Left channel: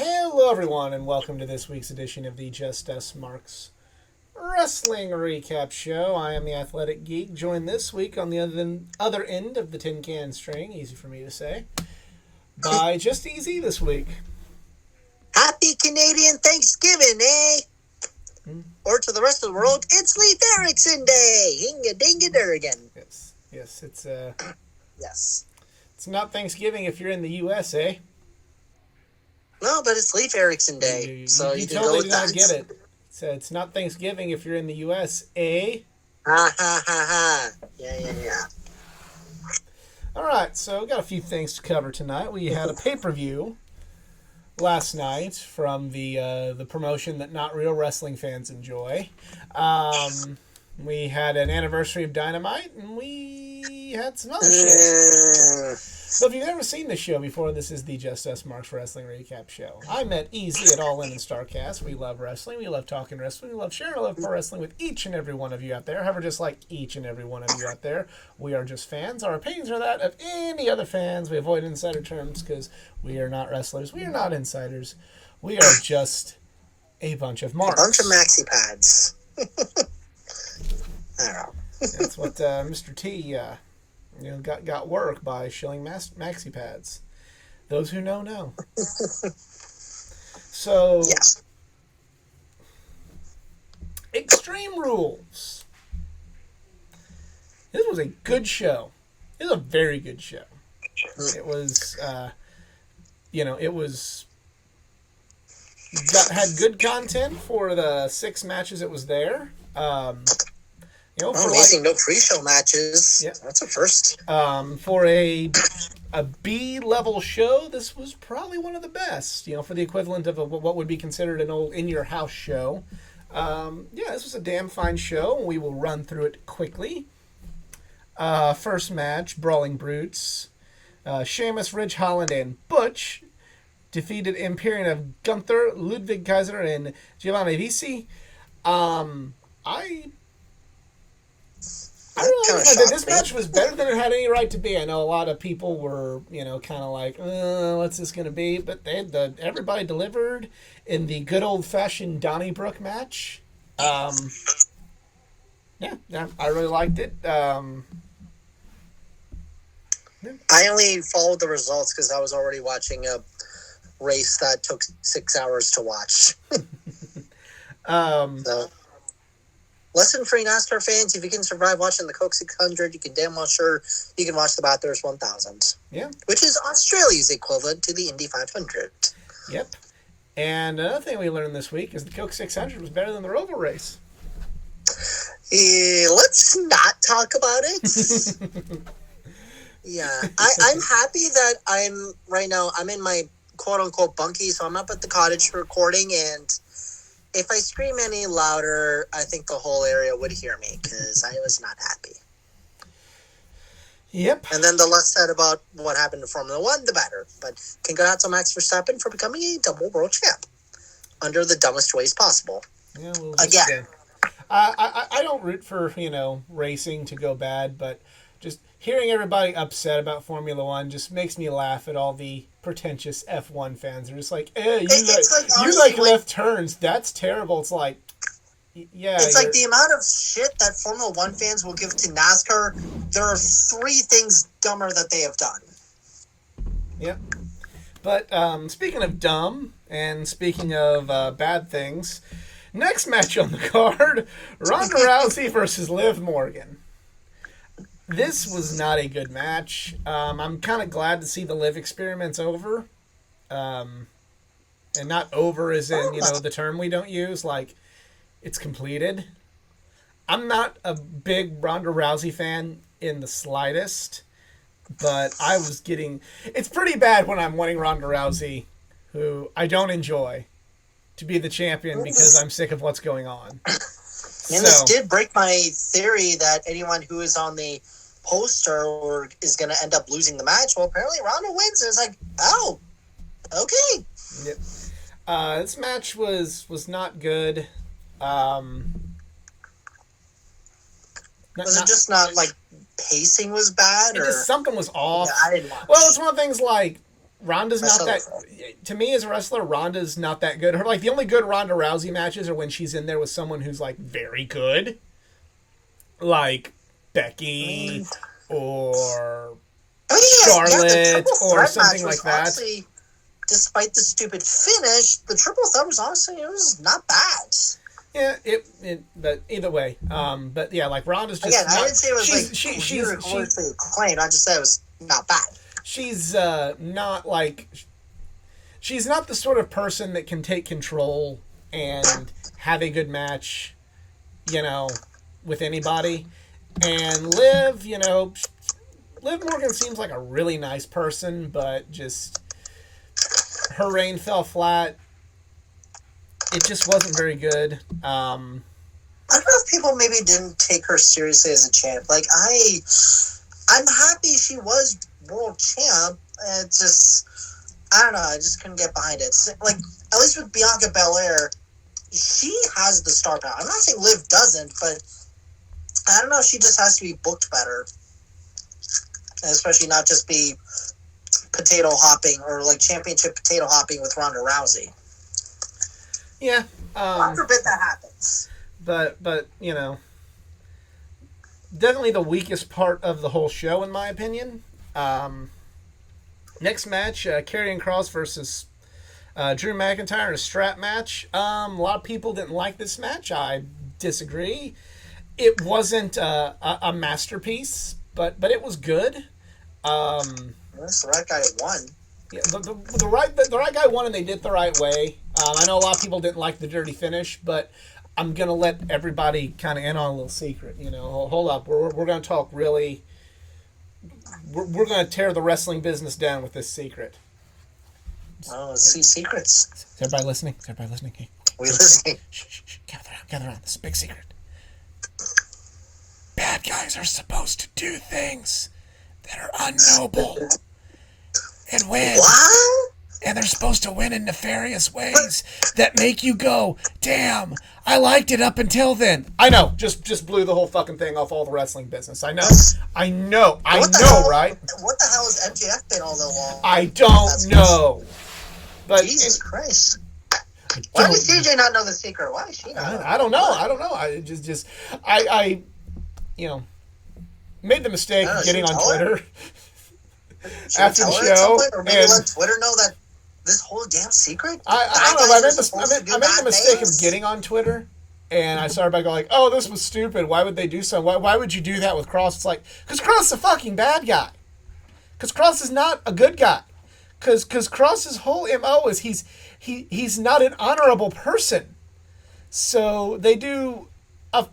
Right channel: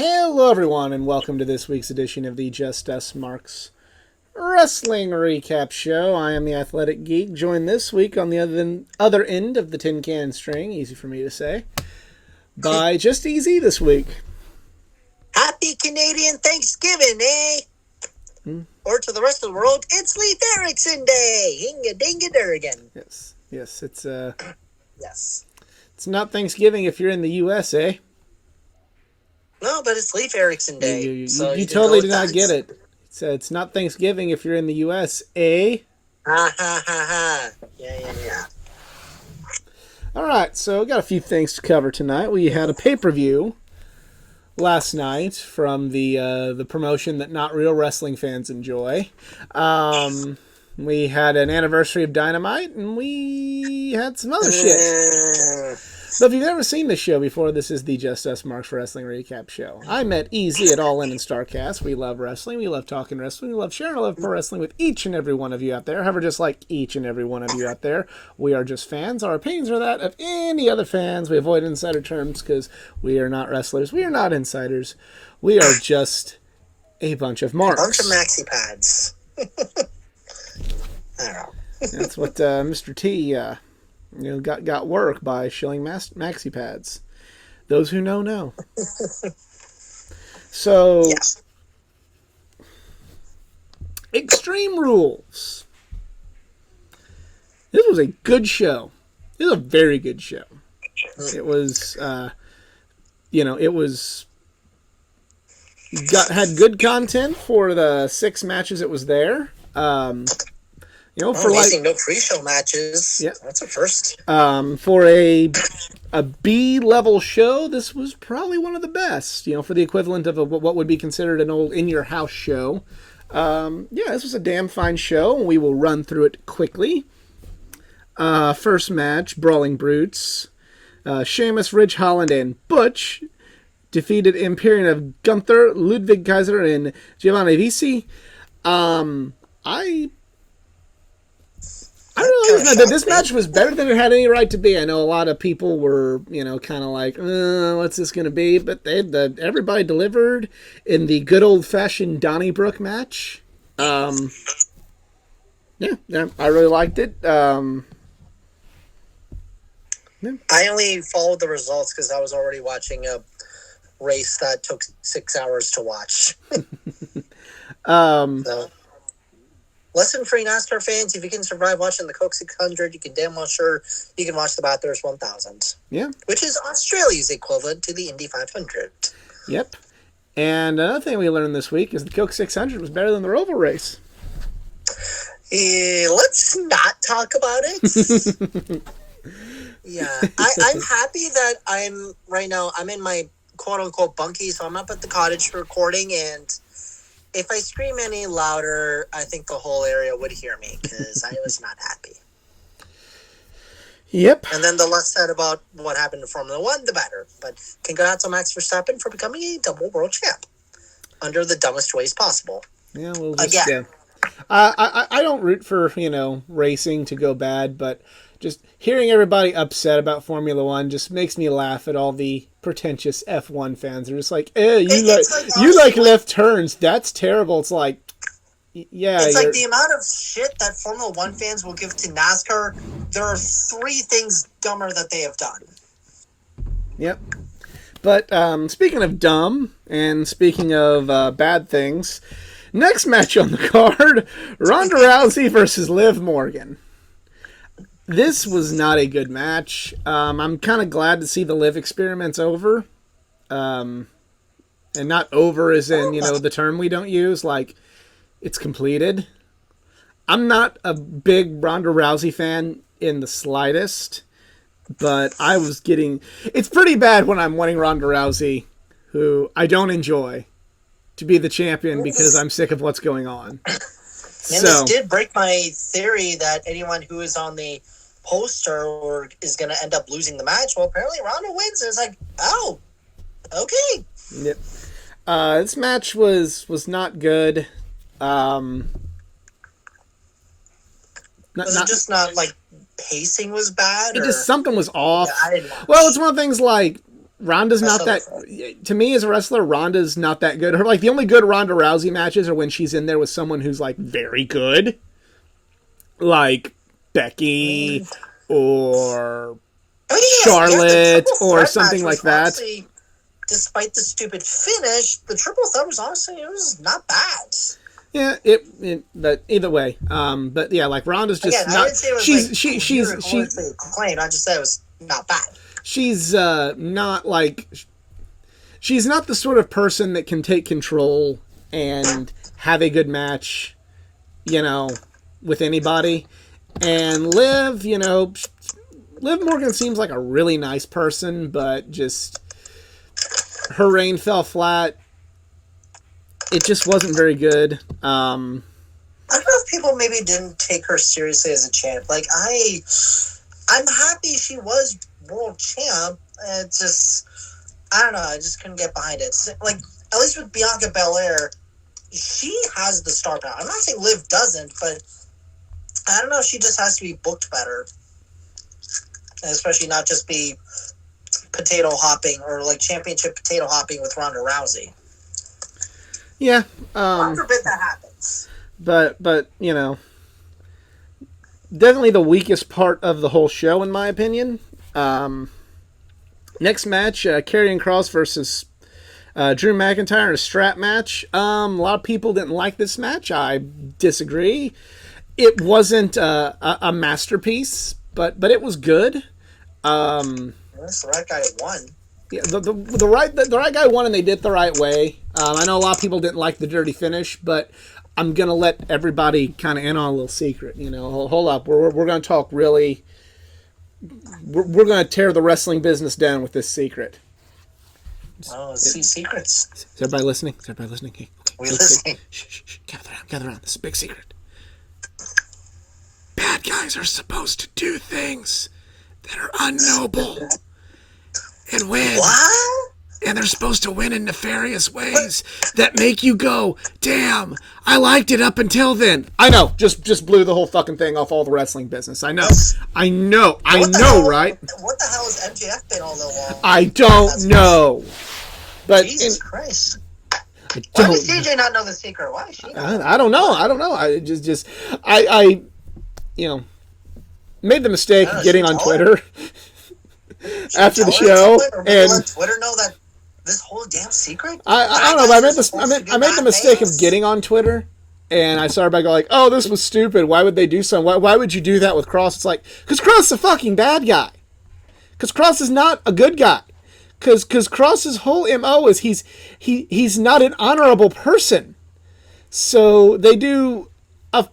Hello, everyone, and welcome to this week's edition of the Just Us Marks Wrestling Recap Show. I am the Athletic Geek, joined this week on the other end of the tin can string, easy for me to say, by Just Easy this week. Happy Canadian Thanksgiving, eh? Or to the rest of the world, it's Leif Erikson Day! Hinga-dinga-durgan. Yes, it's Yes. It's not Thanksgiving if you're in the U.S., eh? No, but it's Leif Erikson Day. You you totally did not get it. It's not Thanksgiving if you're in the U.S., eh? Ha ha ha ha. Yeah. All right, so we got a few things to cover tonight. We had a pay-per-view last night from the promotion that not real wrestling fans enjoy. We had an anniversary of Dynamite, and we had some other shit. So if you've never seen this show before, this is the Just Us Marks Wrestling Recap Show. I met Easy at All In and StarCast. We love wrestling. We love talking wrestling. We love sharing a love for wrestling with each and every one of you out there. However, just like each and every one of you out there, we are just fans. Our opinions are that of any other fans. We avoid insider terms because we are not wrestlers. We are not insiders. We are just a bunch of marks. A bunch of maxi pads. I don't know. That's what Mr. T... got work by shilling maxi pads. Those who know. So, yeah. Extreme Rules. This was a good show. This was a very good show. It was, had good content for the 6 matches it was there. Amazing, no pre-show matches. Yeah. That's a first. For a B-level show, this was probably one of the best. For the equivalent of what would be considered an old in-your-house show. This was a damn fine show. We will run through it quickly. First match, Brawling Brutes. Sheamus, Ridge Holland, and Butch defeated Imperium of Gunther, Ludwig Kaiser, and Giovanni Visi. This match was better than it had any right to be. I know a lot of people were, kind of like, what's this going to be? But everybody delivered in the good old-fashioned Donnybrook match. I really liked it. I only followed the results because I was already watching a race that took 6 hours to watch. Lesson for NASCAR fans, if you can survive watching the Coke 600, you can damn well sure you can watch the Bathurst 1000. Yeah. Which is Australia's equivalent to the Indy 500. Yep. And another thing we learned this week is the Coke 600 was better than the Roval race. Let's not talk about it. Yeah. I'm happy that I'm in my quote-unquote bunkie, so I'm up at the cottage recording, and if I scream any louder, I think the whole area would hear me because I was not happy. Yep. And then the less said about what happened to Formula One, the better. But congrats on Max Verstappen for becoming a double world champ under the dumbest ways possible. Yeah, again. I don't root for racing to go bad, but just hearing everybody upset about Formula One just makes me laugh at all the pretentious F1 fans. They're just like, you like left turns. That's terrible. It's like, yeah. It's like the amount of shit that Formula One fans will give to NASCAR. There are 3 things dumber that they have done. Yep. But speaking of dumb and speaking of bad things, next match on the card, Ronda Rousey versus Liv Morgan. This was not a good match. I'm kind of glad to see the Liv experiment's over. And not over as in, the term we don't use, like it's completed. I'm not a big Ronda Rousey fan in the slightest, but I was getting... It's pretty bad when I'm wanting Ronda Rousey, who I don't enjoy, to be the champion because I'm sick of what's going on. And this did break my theory that anyone who is on the poster or is going to end up losing the match. Well, apparently Ronda wins. And it's like, oh, okay. Yep. This match was not good. Was it just not like pacing was bad? It or? just something was off. Yeah, I didn't watch. Well, it's one of the things like Ronda's not that. To me, as a wrestler, Ronda's not that good. Her like the only good Ronda Rousey matches are when she's in there with someone who's like very good, like Becky or Charlotte or something like that. Honestly, despite the stupid finish, the triple threat was honestly it was not bad. Yeah, but either way, but yeah, like Ronda's just. Again, not, I didn't say it was she's acclaimed. I just said it was not bad. She's not like. She's not the sort of person that can take control and have a good match, with anybody. And Liv, Liv Morgan seems like a really nice person, but just her reign fell flat. It just wasn't very good. I don't know if people maybe didn't take her seriously as a champ. Like I'm happy she was world champ. It's just I don't know. I just couldn't get behind it. Like at least with Bianca Belair, she has the star power. I'm not saying Liv doesn't, but I don't know. She just has to be booked better, and especially not just be potato hopping or like championship potato hopping with Ronda Rousey. Yeah. God forbid that happens. But definitely the weakest part of the whole show, in my opinion. Next match, Karrion Kross versus Drew McIntyre in a strap match. A lot of people didn't like this match. I disagree. It wasn't a masterpiece, but it was good. The right guy won. Yeah, the right guy won, and they did it the right way. I know a lot of people didn't like the dirty finish, but I'm gonna let everybody kind of in on a little secret. Hold up, we're gonna talk really. We're gonna tear the wrestling business down with this secret. Oh, let's see secrets. Is everybody listening? Hey, okay. We're listening. Shh. Gather around. This is a big secret. Bad guys are supposed to do things that are unnoble and win. What? And they're supposed to win in nefarious ways that make you go, damn, I liked it up until then. I know, just blew the whole fucking thing off all the wrestling business. I know, right? What the hell has MJF been all along? I don't know. But Jesus Christ. Why does CJ not know the secret? Why is she not? I don't know. I just made the mistake of getting on Twitter after the show. Or maybe let Twitter know that this whole damn secret? I don't know, but I made the mistake of getting on Twitter, and I saw everybody go like, oh, this was stupid. Why would they do something? Why would you do that with Cross? It's like, because Cross is a fucking bad guy. Because Cross is not a good guy. Because Cross's whole MO is he's not an honorable person. So they do an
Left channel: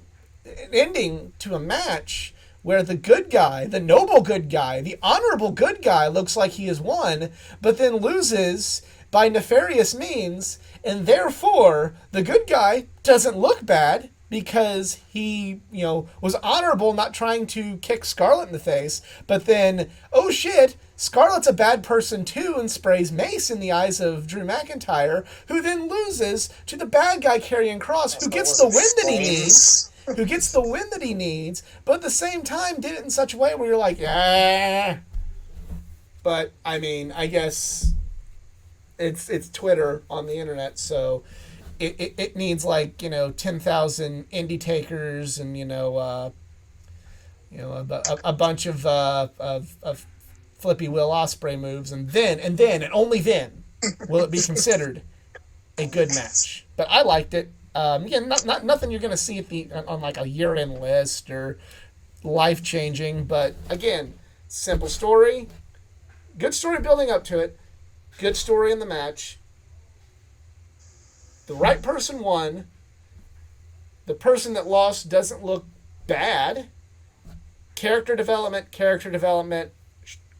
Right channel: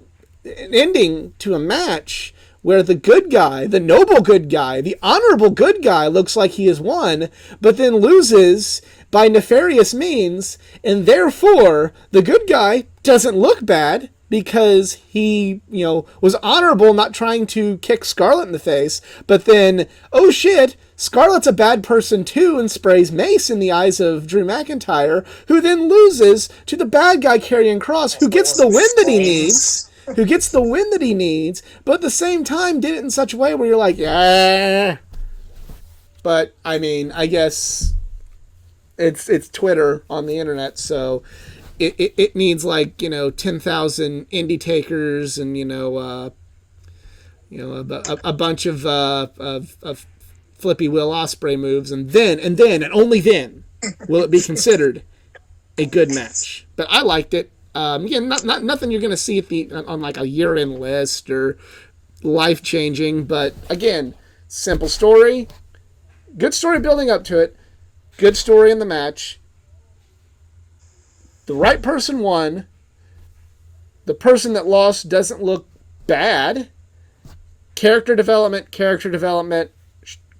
ending to a match where the good guy, the noble good guy, the honorable good guy looks like he has won, but then loses by nefarious means, and therefore the good guy doesn't look bad because he, was honorable, not trying to kick Scarlett in the face, but then, oh shit, Scarlett's a bad person too and sprays mace in the eyes of Drew McIntyre, who then loses to the bad guy Karrion Kross, who gets the win that he needs. But at the same time did it in such a way where you're like, yeah. But, I mean, I guess it's Twitter on the internet, so it needs like, 10,000 indie takers and, a bunch of Flippy Will Ospreay moves, and then, and only then, will it be considered a good match. But I liked it. Again, not nothing you're going to see on like a year-end list or life-changing, but again, simple story, good story building up to it, good story in the match. The right person won. The person that lost doesn't look bad. Character development,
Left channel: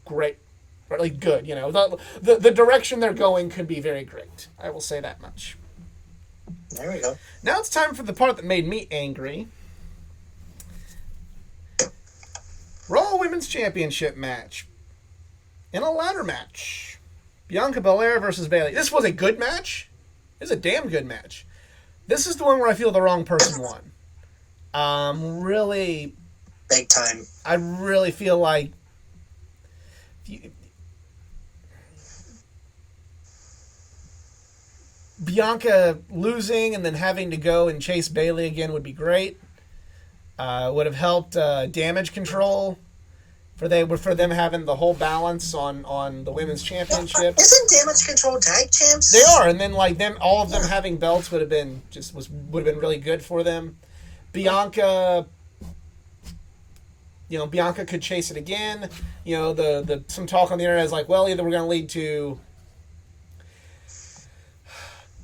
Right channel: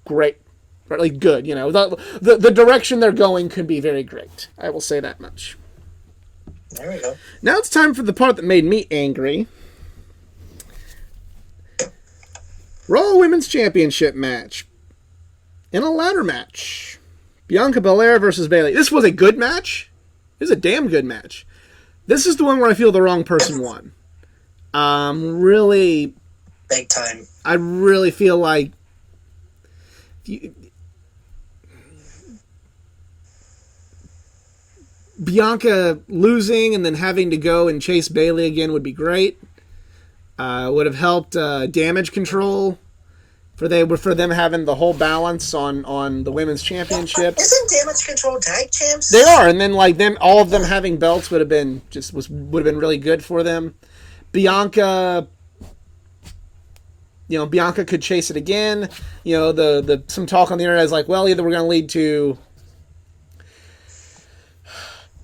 great. Like good, the direction they're going could be very great. I will say that much. There we go. Now it's time for the part that made me angry. Raw Women's Championship match. In a ladder match. Bianca Belair versus Bayley. This was a good match. This is a damn good match. This is the one where I feel the wrong person won. Really... Big time. I really feel like... Bianca losing and then having to go and chase Bayley again would be great. Would have helped damage control for them having the whole balance on the women's championship. Isn't Damage Control tag champs? They are, and then like them, all of them having belts would have been really good for them. Bianca, Bianca could chase it again. The some talk on the internet is like, well, either we're going to lead to.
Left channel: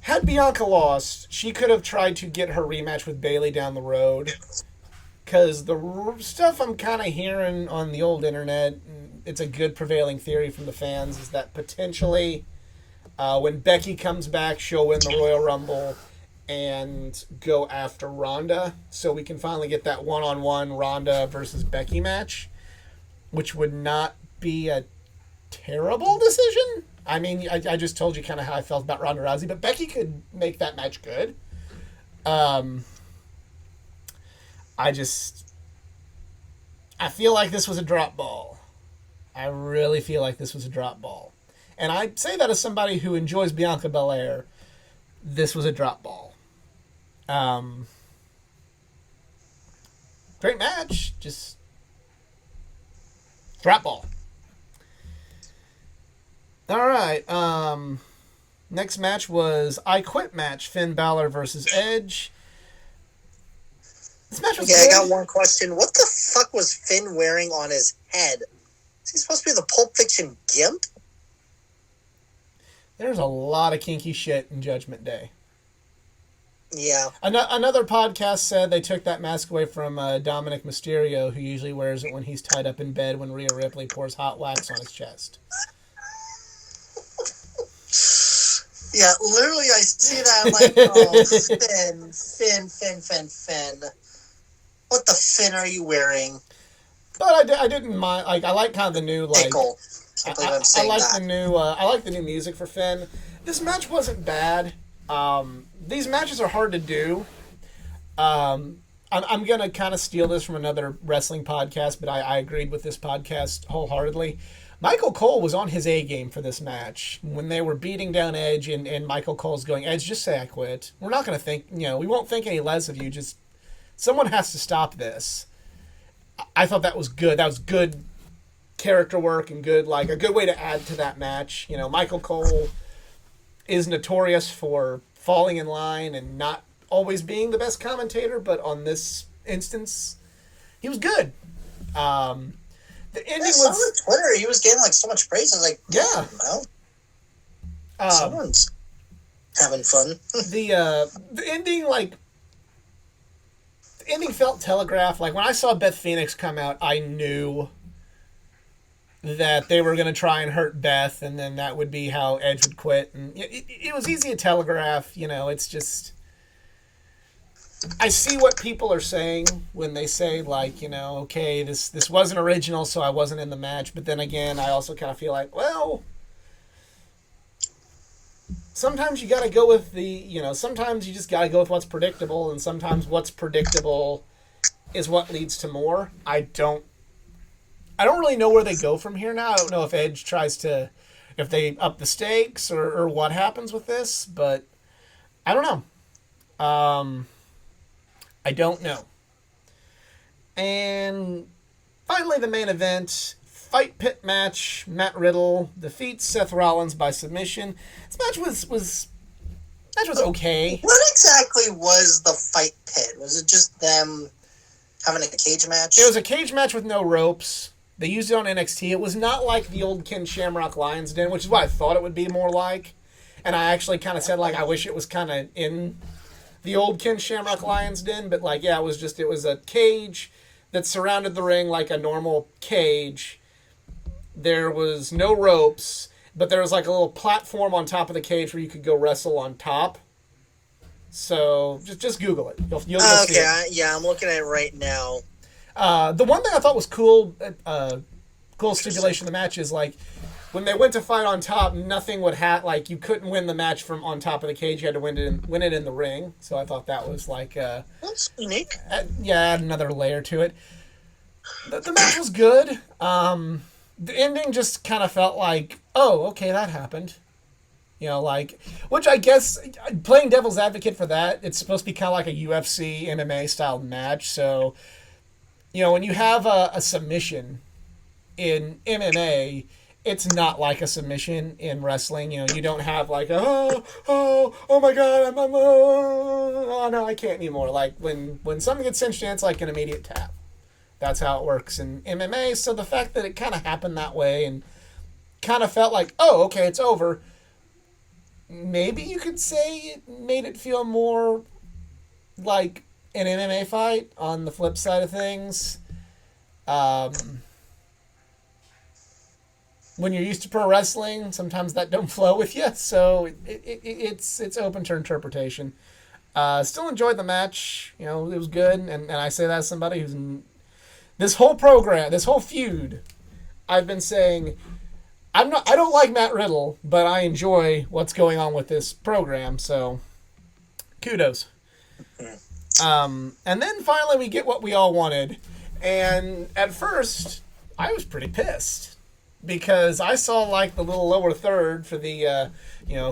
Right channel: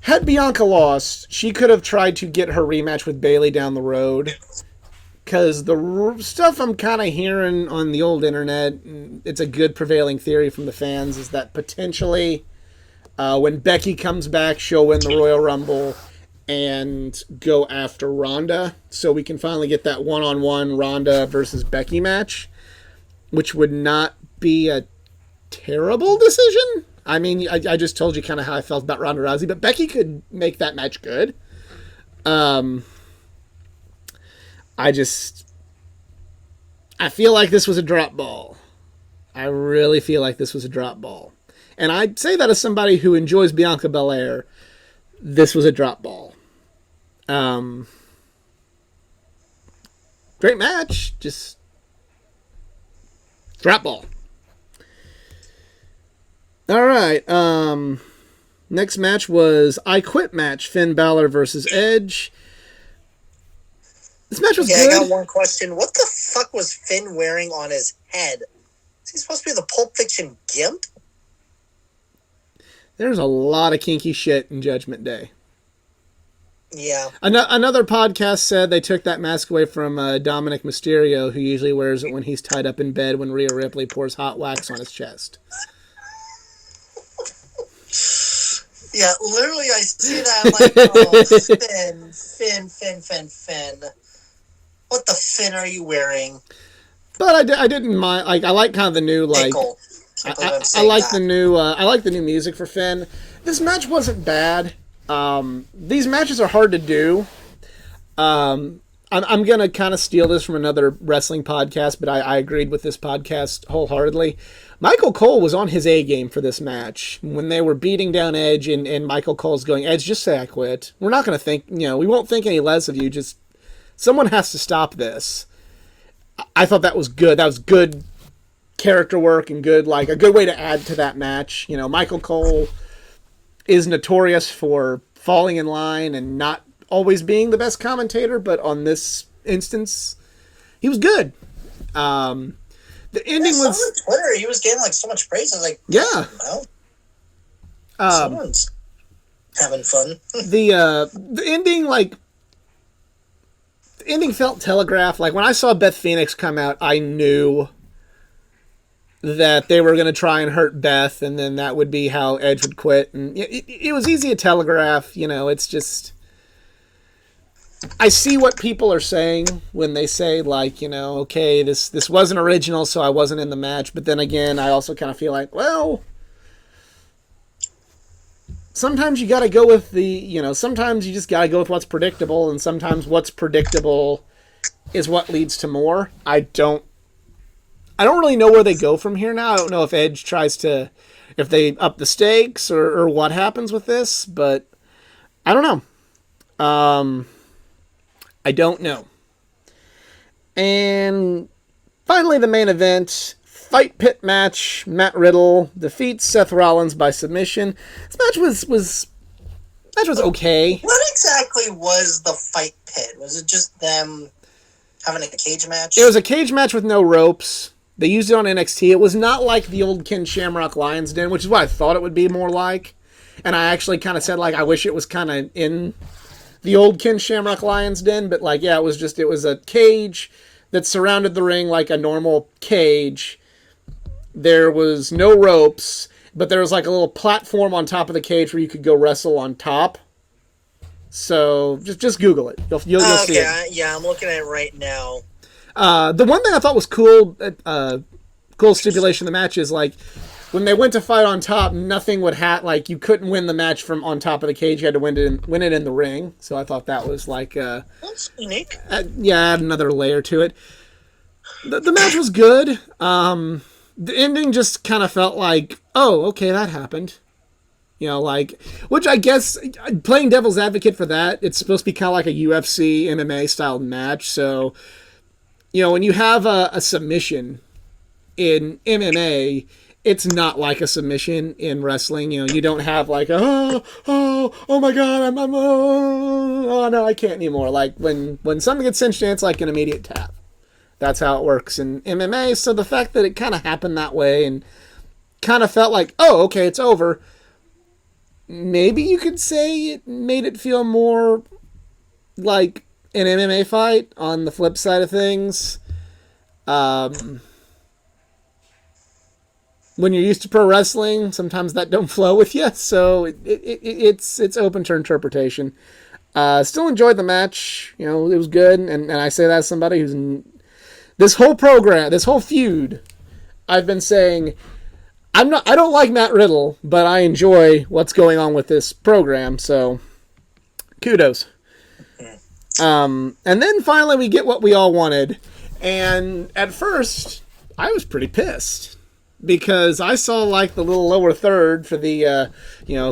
Had Bianca lost, she could have tried to get her rematch with Bayley down the road. Because the stuff I'm kind of hearing on the old internet, it's a good prevailing theory from the fans, is that potentially when Becky comes back, she'll win the Royal Rumble and go after Ronda. So we can finally get that one-on-one Ronda versus Becky match, which would not be a terrible decision. I mean, I just told you kind of how I felt about Ronda Rousey, but Becky could make that match good. I feel like this was a drop ball. I really feel like this was a drop ball. And I say that as somebody who enjoys Bianca Belair. This was a drop ball. Great match. Just drop ball. All right. Next match was I Quit match. Finn Balor versus Edge. This match was good. I got one question. What the fuck was Finn wearing on his head? Is he supposed to be the Pulp Fiction gimp? There's a lot of kinky shit in Judgment Day. Yeah. Another podcast said they took that mask away from Dominic Mysterio, who usually wears it when he's tied up in bed when Rhea Ripley pours hot wax on his chest. Yeah, literally I see that, I'm like, oh, Finn. What the Finn are you wearing? But I didn't mind. Like, I like kind of the new, like... Pickle. I like the new. I like the new music for Finn. This match wasn't bad. These matches are hard to do. I'm gonna kind of steal this from another wrestling podcast, but I agreed with this podcast wholeheartedly. Michael Cole was on his A game for this match when they were beating down Edge, and Michael Cole's going, Edge, just say I quit. We're not gonna think, we won't think any less of you. Just someone has to stop this. I thought that was good. That was good character work and good, like a good way to add to that match. Michael Cole is notorious for falling in line and not always being the best commentator, but on this instance, he was good. The ending was on Twitter. He was getting like so much praise. I was like, yeah, well, someone's having fun. The ending, like. The ending felt telegraphed. Like, when I saw Beth Phoenix come out, I knew that they were going to try and hurt Beth, and then that would be how Edge would quit. And it was easy to telegraph. It's just... I see what people are saying when they say, like, okay, this wasn't original, so I wasn't in the match. But then again, I also kind of feel like, well... Sometimes you got to go with sometimes you just got to go with what's predictable, and sometimes what's predictable is what leads to more. I don't really know where they go from here now. I don't know if Edge if they up the stakes or what happens with this, but I don't know. I don't know. And finally, the main event. Fight pit match. Matt Riddle defeats Seth Rollins by submission. This match was okay. What exactly was the fight pit? Was it just them having a cage match? It was a cage match with no ropes. They used it on NXT. It was not like the old Ken Shamrock Lions Den, which is what I thought it would be more like. And I actually kind of said, like, I wish it was kind of in the old Ken Shamrock Lions Den. But, like, yeah, it was a cage that surrounded the ring like a normal cage. There was no ropes, but there was like a little platform on top of the cage where you could go wrestle on top. So just Google it. You'll see it. Yeah, I'm looking at it right now. The one thing I thought was cool, cool stipulation of the match is like when they went to fight on top, nothing would like you couldn't win the match from on top of the cage. You had to win it in the ring. So I thought that was like that's unique. Add another layer to it. The match was good. The ending just kind of felt like, oh, okay, that happened. You know, like, which I guess, playing devil's advocate for that, it's supposed to be kind of like a UFC, MMA style match. So, you know, when you have a submission in MMA, it's not like a submission in wrestling. You know, you don't have like, oh my God, oh no, I can't anymore. Like, when something gets cinched in, it's like an immediate tap. That's how it works in MMA. So the fact that it kind of happened that way and kind of felt like, oh, okay, it's over. Maybe you could say it made it feel more like an MMA fight on the flip side of things. When you're used to pro wrestling, sometimes that don't flow with you. So it's open to interpretation. Still enjoyed the match. You know, it was good. And I say that as somebody who's in this whole program, this whole feud, I've been saying, I don't like Matt Riddle, but I enjoy what's going on with this program, so kudos. And then finally we get what we all wanted. And at first, I was pretty pissed because I saw like the little lower third for the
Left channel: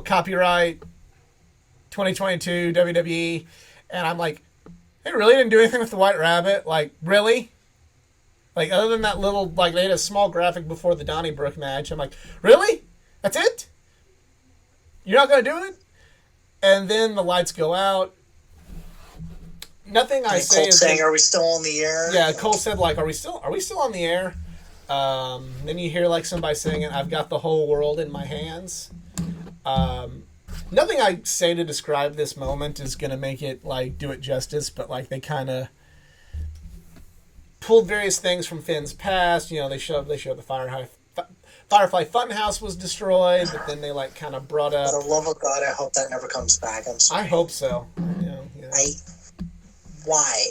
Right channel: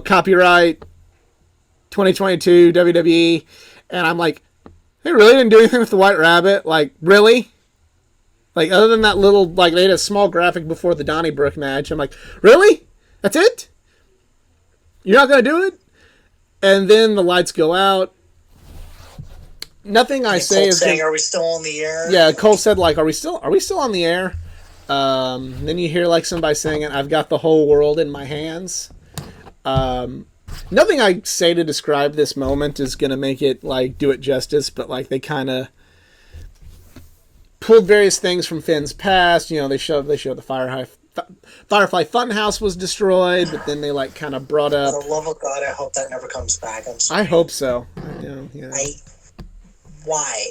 copyright 2022 WWE, and I'm like, they really didn't do anything with the White Rabbit? Like, really? Like, other than that little, like, they had a small graphic before the Donnybrook match. I'm like, really? That's it? You're not going to do it? And then the lights go out. Nothing I say Cole is saying, "Are we still on the air?" Yeah, Cole said, like, are we still on the air? Then you hear, like, somebody saying it, I've got the whole world in my hands. Nothing I say to describe this moment is going to make it, like, do it justice, but, like, they kind of pulled various things from Finn's past. You know, they showed the Firefly Funhouse was destroyed, but then they like kind of brought up. For the love of God, I hope that never comes back. I'm sorry. I hope so. Why?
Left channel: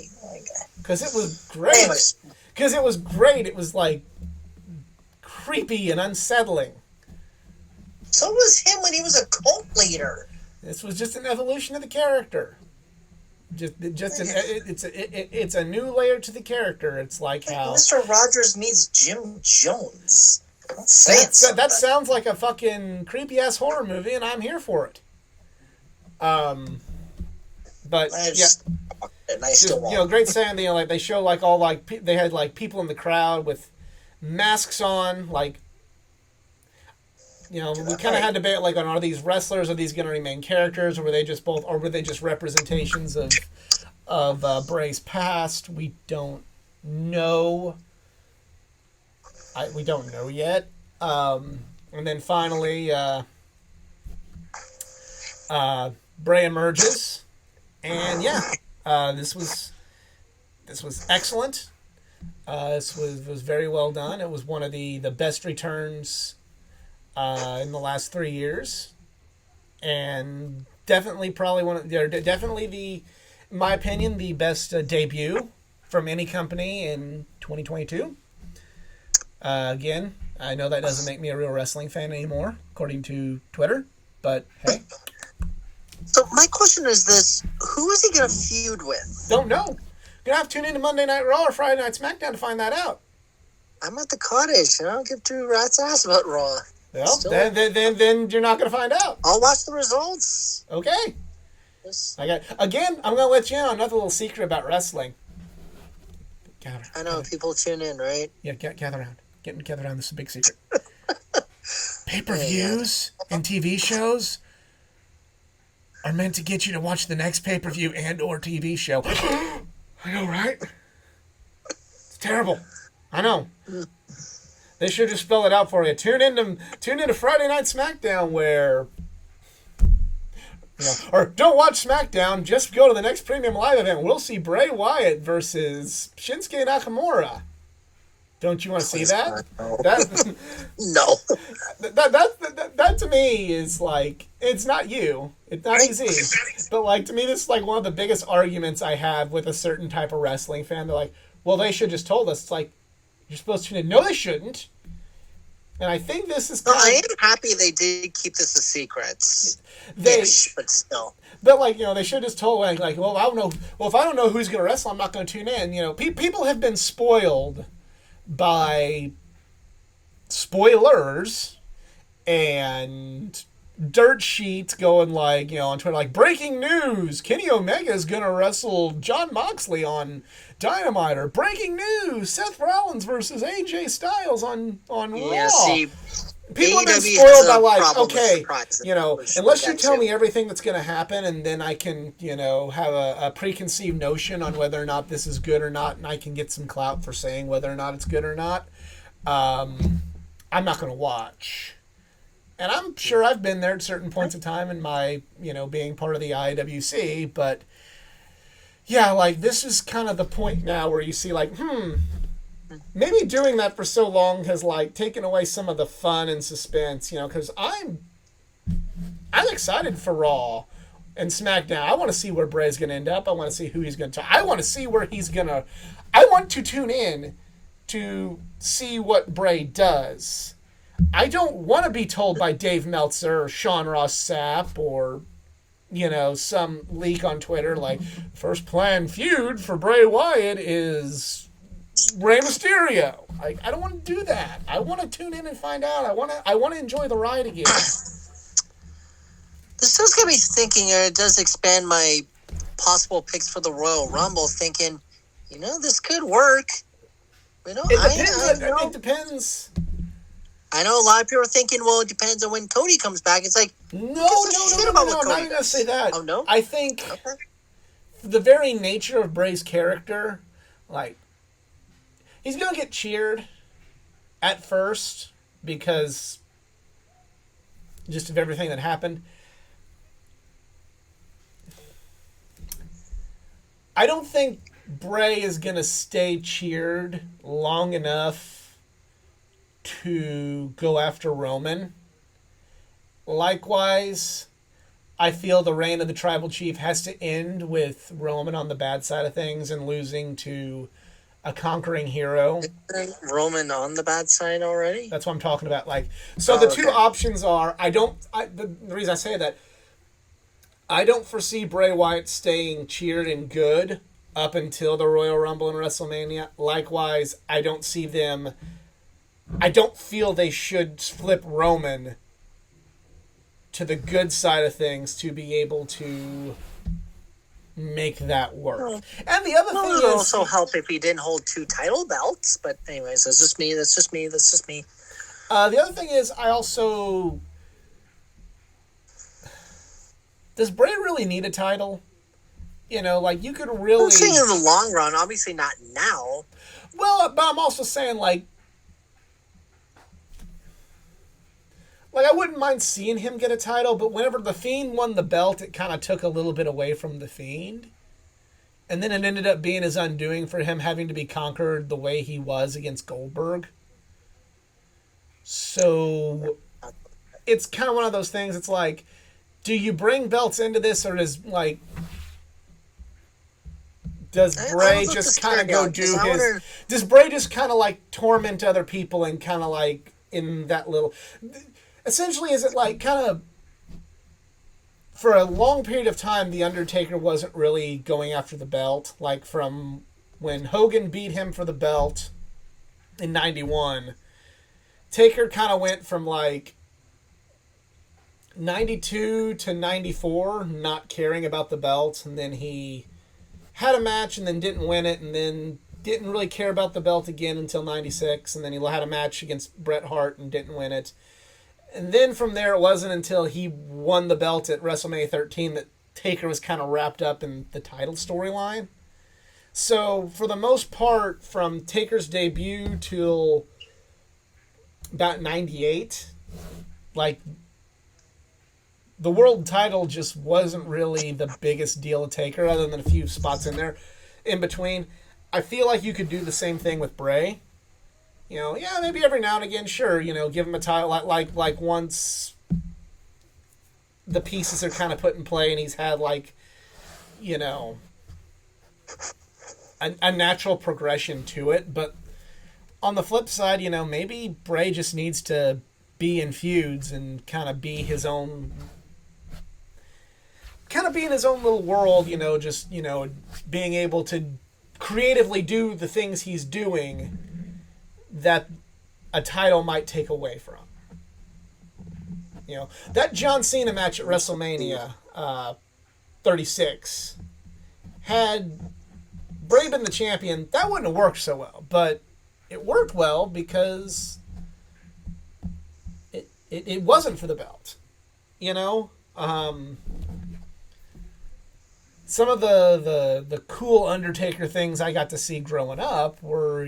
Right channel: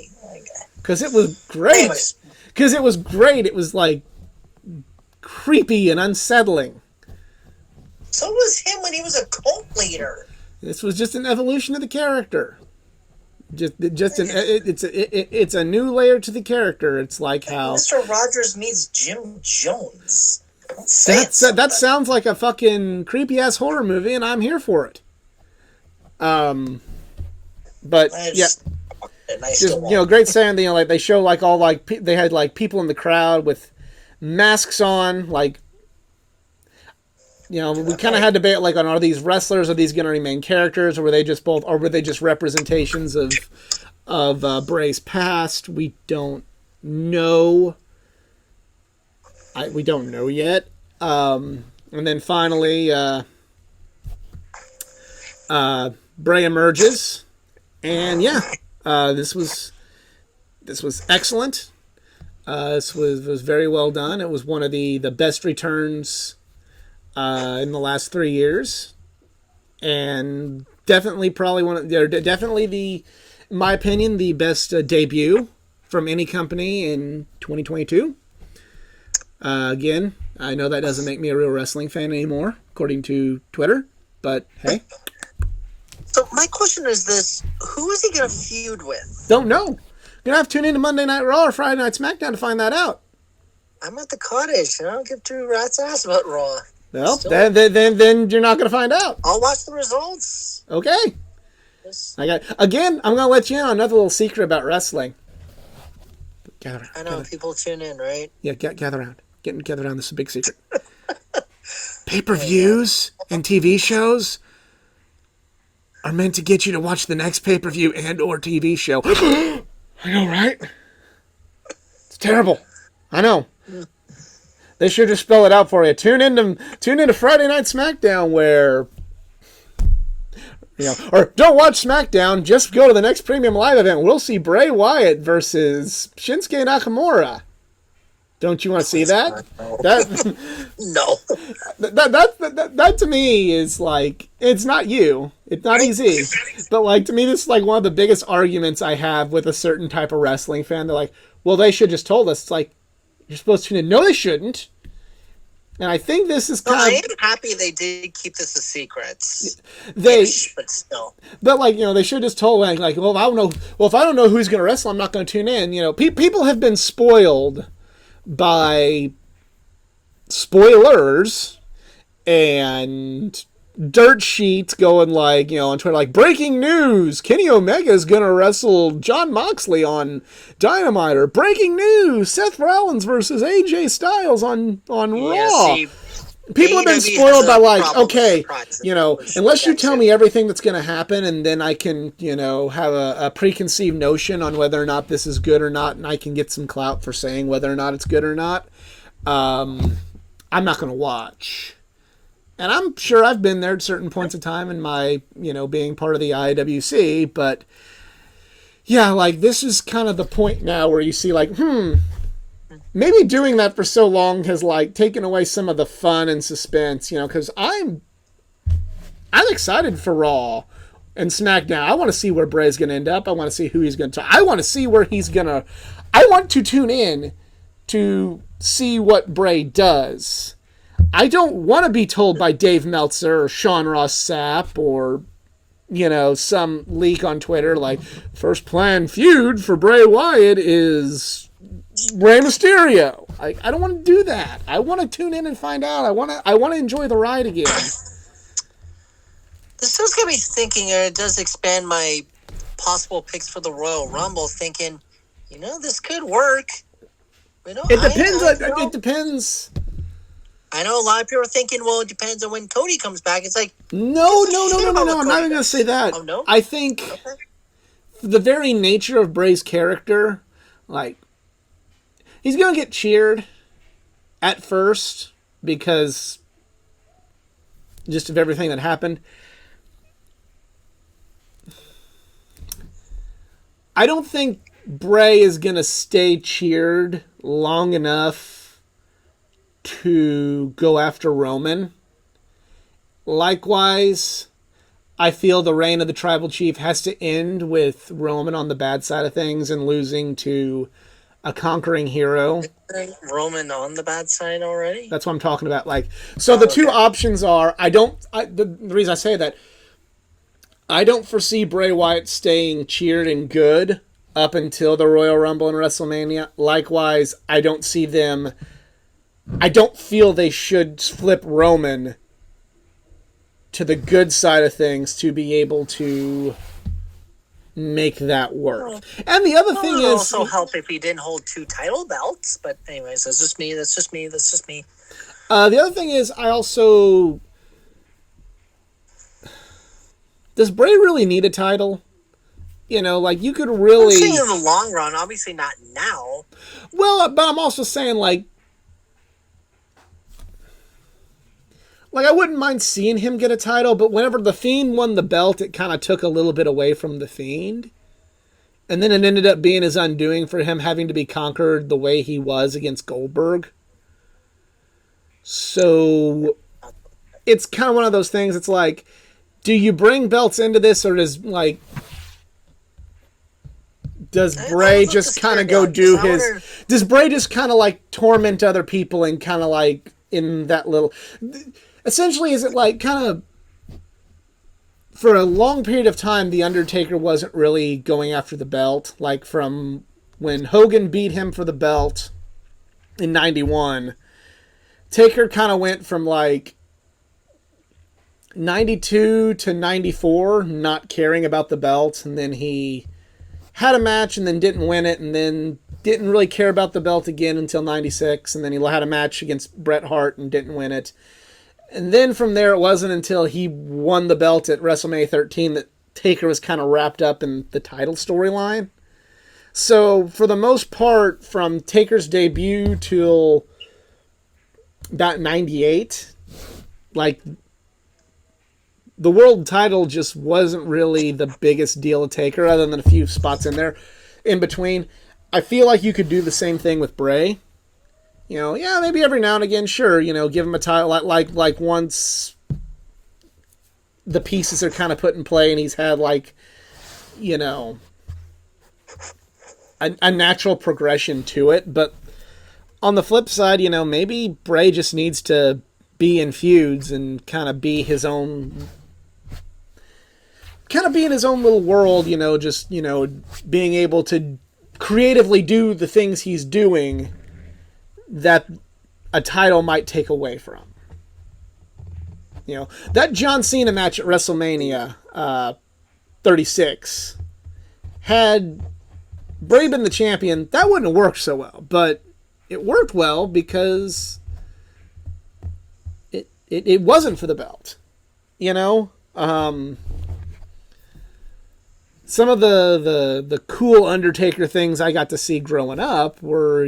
Because it was great. Anyways. Because it was great. It was like creepy and unsettling. So was him when he was a cult leader. This was just an evolution of the character. It's a new layer to the character. It's like how Mr. Rogers meets Jim Jones. That sounds like a fucking creepy ass horror movie, and I'm here for it. But great saying. You know, like they show like all like they had like people in the crowd with masks on, like. You know, we kind of had debate like on are these wrestlers, are these going to remain characters, or were they just representations of Bray's past? We don't know. We don't know yet. And then finally, Bray emerges, and this was excellent. This was very well done. It was one of the best returns in the last 3 years, and definitely in my opinion, the best debut from any company in 2022. Again, I know that doesn't make me a real wrestling fan anymore, according to Twitter, but hey. So my question is this: who is he going to feud with? Don't know. You're gonna have to tune into Monday Night Raw or Friday Night SmackDown to find that out. I'm at the cottage, and I don't give two rats ass about Raw. Well, then you're not going to find out. I'll watch the results. Okay. I'm going to let you in on another little secret about wrestling. Gather around. I know, people tune in, right? Yeah, gather around. Gather around. This is a big secret. Pay-per-views and TV shows are meant to get you to watch the next pay-per-view and or TV show. I know, right? It's terrible. I know. They should just spell it out for you. Tune into Friday Night SmackDown where, or don't watch SmackDown. Just go to the next premium live event. We'll see Bray Wyatt versus Shinsuke Nakamura. Don't you want to see that? No. That to me is like, it's not you. It's not easy. But like to me, this is like one of the biggest arguments I have with a certain type of wrestling fan. They're like, well, they should just told us. It's like, you're supposed to know. No, they shouldn't. And I think this is I am happy they did keep this a secret. But still. But like, they should just told like, well, I don't know. Well, if I don't know who's going to wrestle, I'm not going to tune in. People have been spoiled by spoilers and dirt sheet going like, on Twitter, like, breaking news, Kenny Omega is going to wrestle Jon Moxley on Dynamite, or breaking news, Seth Rollins versus AJ Styles on Yeah, Raw. see, People have been AEW spoiled has by a like, problem with okay, surprises, unless you that tell too. me everything that's going to happen, and then I can, have a preconceived notion on whether or not this is good or not, and I can get some clout for saying whether or not it's good or not, I'm not going to watch. And I'm sure I've been there at certain points of time in my, being part of the IWC, but yeah, like, this is kind of the point now where you see, like, maybe doing that for so long has, like, taken away some of the fun and suspense, because I'm excited for Raw and SmackDown. I want to see where Bray's going to end up. I want to see who he's going to. I want to see where he's going to. I want to tune in to see what Bray does. I don't want to be told by Dave Meltzer or Sean Ross Sapp or, some leak on Twitter like, first planned feud for Bray Wyatt is Rey Mysterio. I don't want to do that. I want to tune in and find out. I want to enjoy the ride again. This does get me thinking, it does expand my possible picks for the Royal Rumble, thinking, this could work. It depends. It depends. I know a lot of people are thinking, well, it depends on when Cody comes back. It's like, no. I'm not even going to say that. Oh, no? I think the very nature of Bray's character, like, he's going to get cheered at first because just of everything that happened. I don't think Bray is going to stay cheered long enough to go after Roman. Likewise, I feel the reign of the Tribal Chief has to end with Roman on the bad side of things and losing to a conquering hero. Roman on the bad side already? That's what I'm talking about. The two options are, the reason I say that, I don't foresee Bray Wyatt staying cheered and good up until the Royal Rumble and WrestleMania. Likewise, I don't feel they should flip Roman to the good side of things to be able to make that work. And the other thing is, also help if he didn't hold 2 title belts. But anyways, that's just me. The other thing is, does Bray really need a title? You could really. I'm saying in the long run, obviously not now. Well, but I'm also saying like I wouldn't mind seeing him get a title, but whenever The Fiend won the belt, it kind of took a little bit away from The Fiend. And then it ended up being his undoing for him having to be conquered the way he was against Goldberg. So it's kind of one of those things. It's like, do you bring belts into this, or does Bray just kind of go do his... Does Bray just kind of like torment other people and kind of like in that little... Essentially, is it like kind of... For a long period of time, The Undertaker wasn't really going after the belt. Like from when Hogan beat him for the belt in 91, Taker kind of went from like 92 to 94 not caring about the belt, and then he had a match and then didn't win it, and then didn't really care about the belt again until 96, and then he had a match against Bret Hart and didn't win it. And then from there, it wasn't until he won the belt at WrestleMania 13 that Taker was kind of wrapped up in the title storyline. So, for the most part, from Taker's debut till about 98, like, the world title just wasn't really the biggest deal to Taker, other than a few spots in there in between. I feel like you could do the same thing with Bray. Maybe every now and again, sure, give him a title, like once the pieces are kind of put in play and he's had, like, a natural progression to it. But on the flip side, maybe Bray just needs to be in feuds and kind of be his own... kind of be in his own little world, just, being able to creatively do the things he's doing that a title might take away from. that John Cena match at WrestleMania 36 had Bray been the champion, that wouldn't have worked so well. But it worked well because it wasn't for the belt. Some of the cool Undertaker things I got to see growing up were,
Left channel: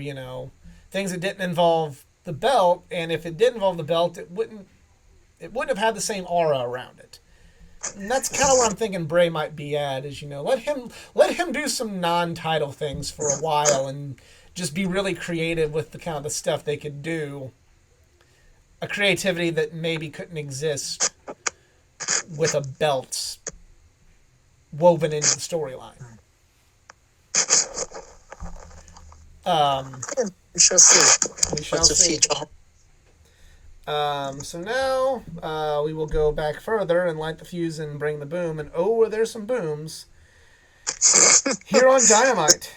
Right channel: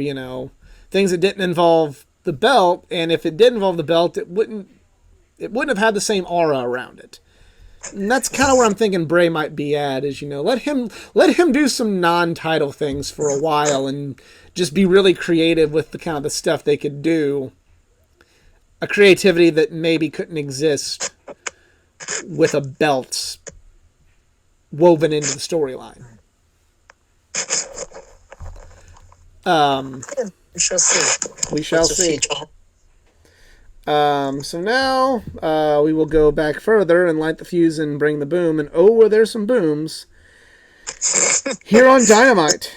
things that didn't involve the belt, and if it did involve the belt, it wouldn't have had the same aura around it. And that's kind of where I'm thinking Bray might be at, is, let him do some non-title things for a while and just be really creative with the kind of the stuff they could do. A creativity that maybe couldn't exist with a belt woven into the storyline. We shall see. We shall see. So now we will go back further and light the fuse and bring the boom. And were there some booms here on Dynamite?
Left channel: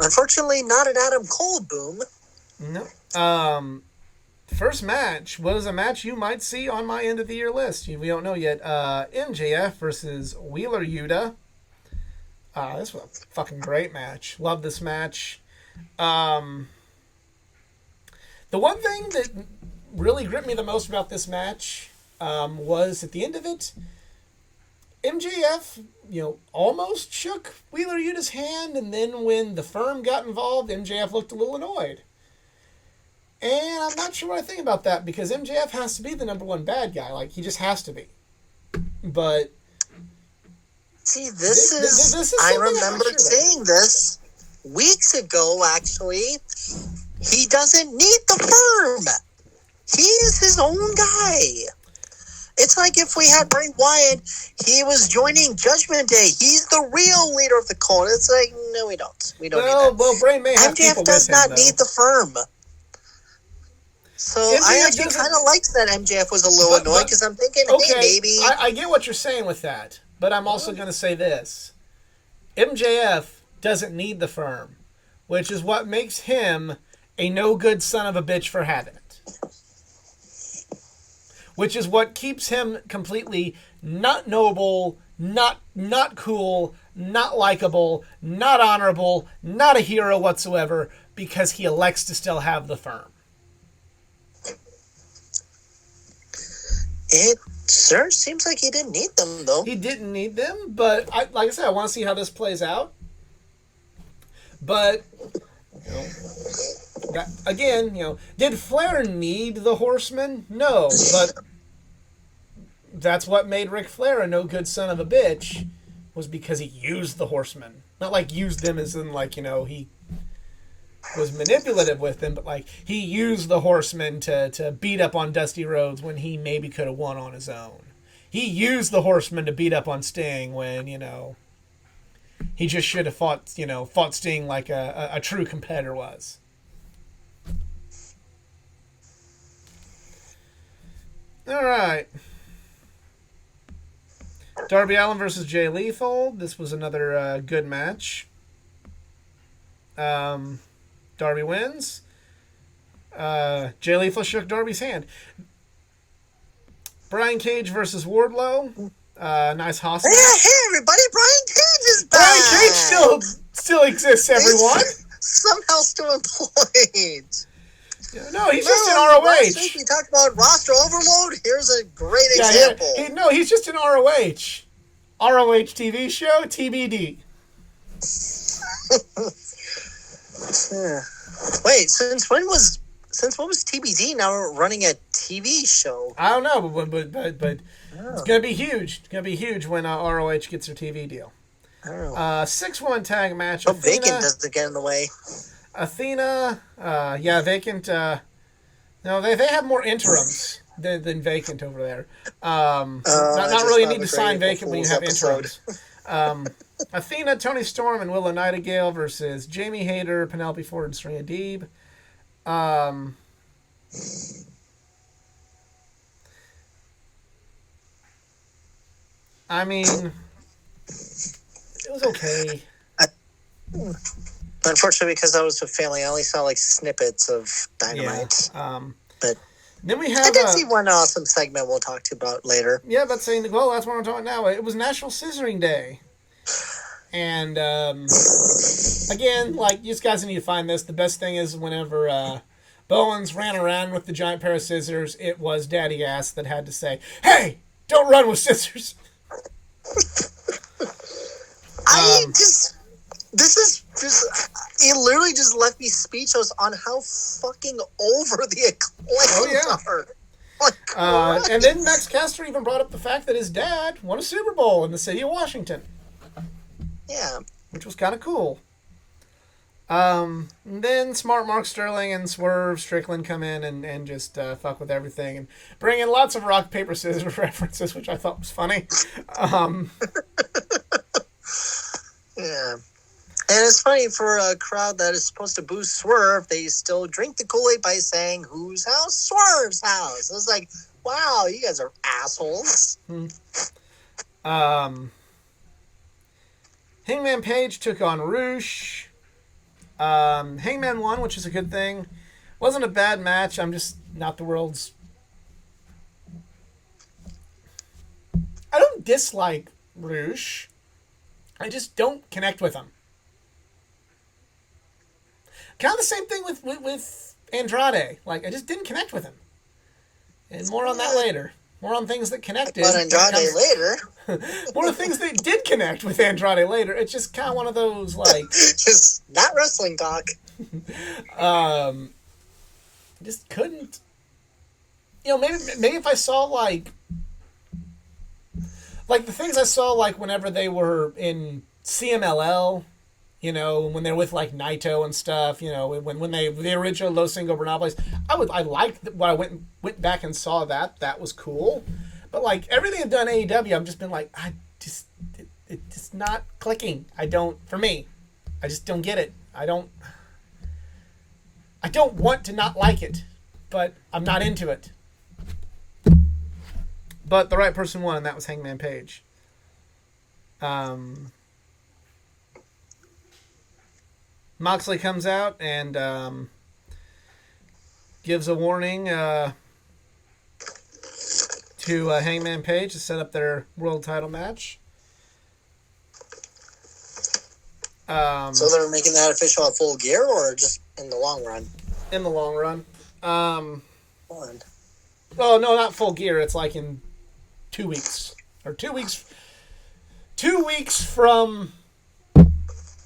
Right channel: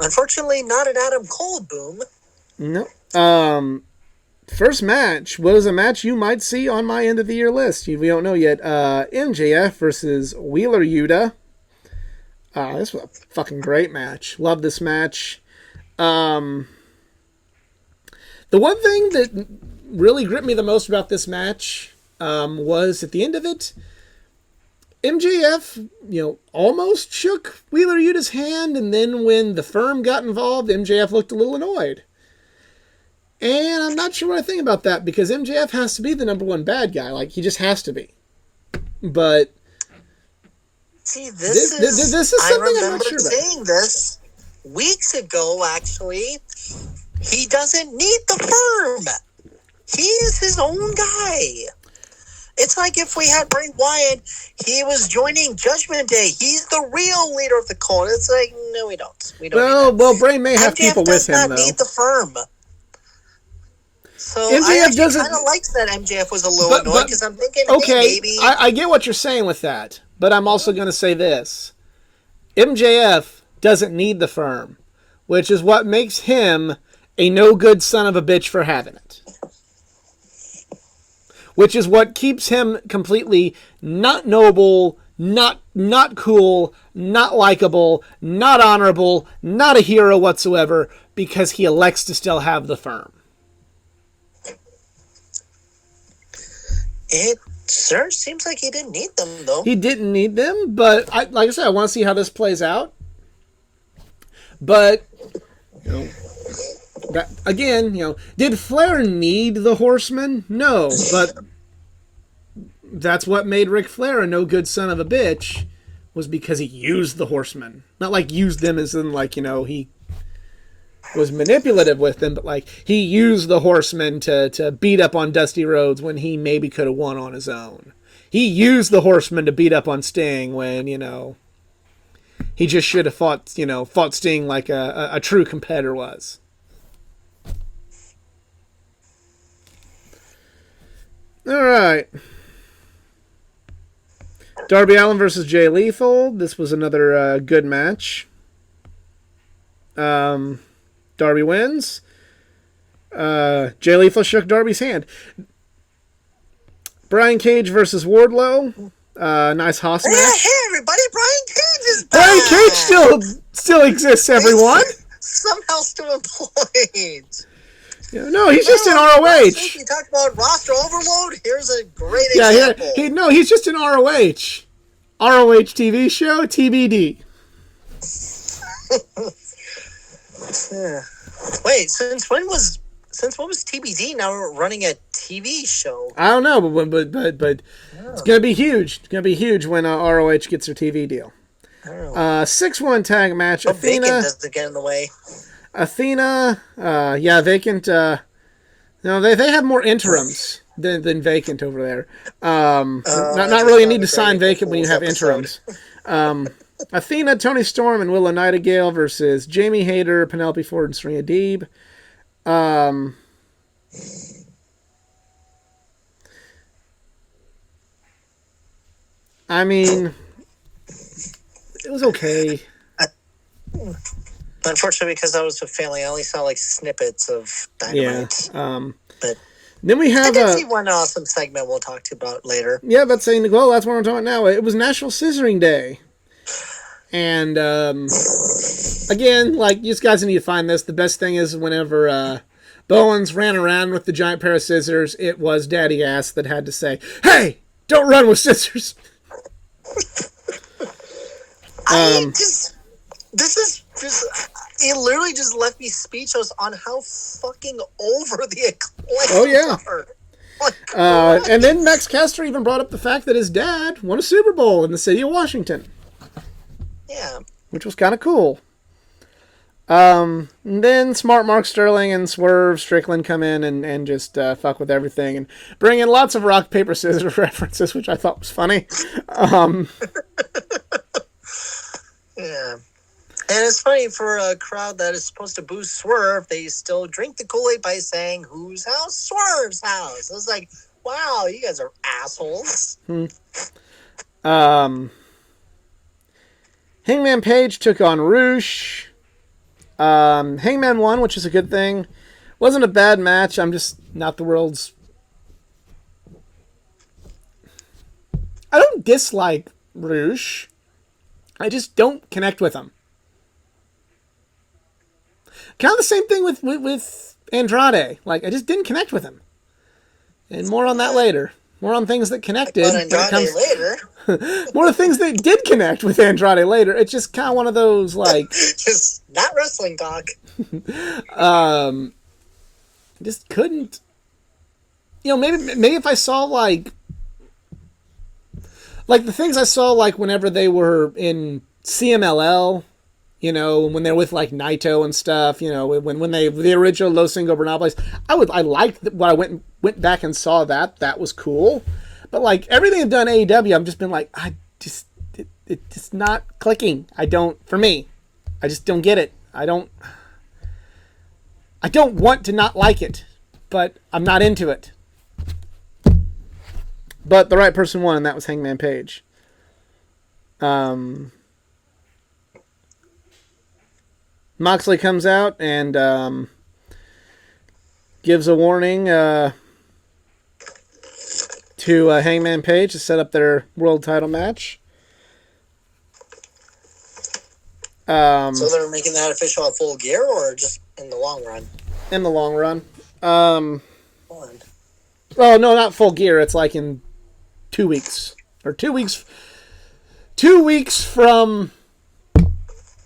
Unfortunately, not an Adam Cole boom. No. First match was a match you might see on my end of the year list. We don't know yet. MJF versus Wheeler Yuta. This was a fucking great match. Love this match. The one thing that really gripped me the most about this match was at the end of it, MJF, almost shook Wheeler Yuta's hand, and then when the Firm got involved, MJF looked a little annoyed. And I'm not sure what I think about that, because MJF has to be the number one bad guy. Like, he just has to be. But see, this is I remember saying this weeks ago, actually. He doesn't need the Firm. He is his own guy. It's like if we had Bray Wyatt, he was joining Judgment Day. He's the real leader of the cult. It's like, no, we don't. We don't need that. Well, Bray may have people with him, MJF does not need the Firm. So I actually kind of liked that MJF was a little annoyed, because I'm thinking, okay, hey, maybe... I get what you're saying with that, but I'm also going to say this. MJF doesn't need the Firm, which is what makes him a no-good son of a bitch for having it. Which is what keeps him completely not noble, not cool, not likable, not honorable, not a hero whatsoever, because he elects to still have the Firm. It sure seems like he didn't need them, though. He didn't need them, but like I said, I want to see how this plays out. But, did Flair need the Horsemen? No, but that's what made Ric Flair a no-good son of a bitch, was because he used the Horsemen. Not like used them as in, he was manipulative with them, but he used the Horsemen to beat up on Dusty Rhodes when he maybe could have won on his own. He used the Horsemen to beat up on Sting when, he just should have fought Sting like a true competitor was. All right. Darby Allin versus Jay Lethal. This was another good match. Darby wins. Jay Lethal shook Darby's hand. Brian Cage versus Wardlow. Nice hoss match. Hey, everybody! Brian Cage is back! Brian Cage still exists, everyone! Somehow still employed. No, he's just in ROH. Last week we talked about roster overload. Here's a great example. He's just in ROH. ROH TV show, TBD. Wait, since when was TBD now running a TV show? I don't know, but it's gonna be huge. It's gonna be huge when ROH gets their TV deal. 6-1 tag match. But Vacant doesn't get in the way. Athena, Vacant. They have more interims than Vacant over there. Not really a need to sign Vacant when you have interims. Athena, Toni Storm, and Willow Nightingale versus Jamie Hayter, Penelope Ford, and Serena Deeb. I mean, it was okay. Unfortunately, because I was with family, I only saw snippets of Dynamite. Yeah. But Then we I have did see one awesome segment we'll talk to about later. yeah, that's saying well, that's what I'm talking about now. It was National Scissoring Day, and again, like you guys need to find this. The best thing is whenever Bowens ran around with the giant pair of scissors, it was Daddy Ass that had to say, "Hey, don't run with scissors." This is just, it literally just left me speechless on how fucking over the Acclaimed are. And then Max Caster even brought up the fact that his dad won a Super Bowl in the city of Washington. Yeah. Which was kind of cool. And then Smart Mark Sterling and Swerve Strickland come in and just fuck with everything and bring in lots of rock, paper, scissors references, which I thought was funny. Yeah. And it's funny, for a crowd that is supposed to boo Swerve, they still drink the Kool-Aid by saying, whose house? Swerve's house. I was like, wow, you guys are assholes. Hangman Page took on Roosh. Hangman won, which is a good thing. Wasn't a bad match. I'm just not the world's... I don't dislike Roosh. I just don't connect with him. Kind of the same thing with Andrade. Like, I just didn't connect with him. And more on that later. More on things that connected. But Andrade later. More of things that did connect with Andrade later. It's just kind of one of those, like... just not wrestling talk. Just couldn't... You know, maybe if I saw, like the things I saw, like, whenever they were in CMLL... You know, when they're with like Naito and stuff, you know, when they the original Los Ingobernables, I liked when I went back and saw that. That was cool. But like everything I've done AEW, I've just been like, it's just not clicking. For me, I just don't get it. I don't want to not like it, but I'm not into it. But the right person won, and that was Hangman Page. Moxley comes out and gives a warning to Hangman Page to set up their world title match. So they're making that official at Full Gear, or just in the long run? In the long run. Oh, no, not Full Gear. It's like in 2 weeks. Or 2 weeks. 2 weeks from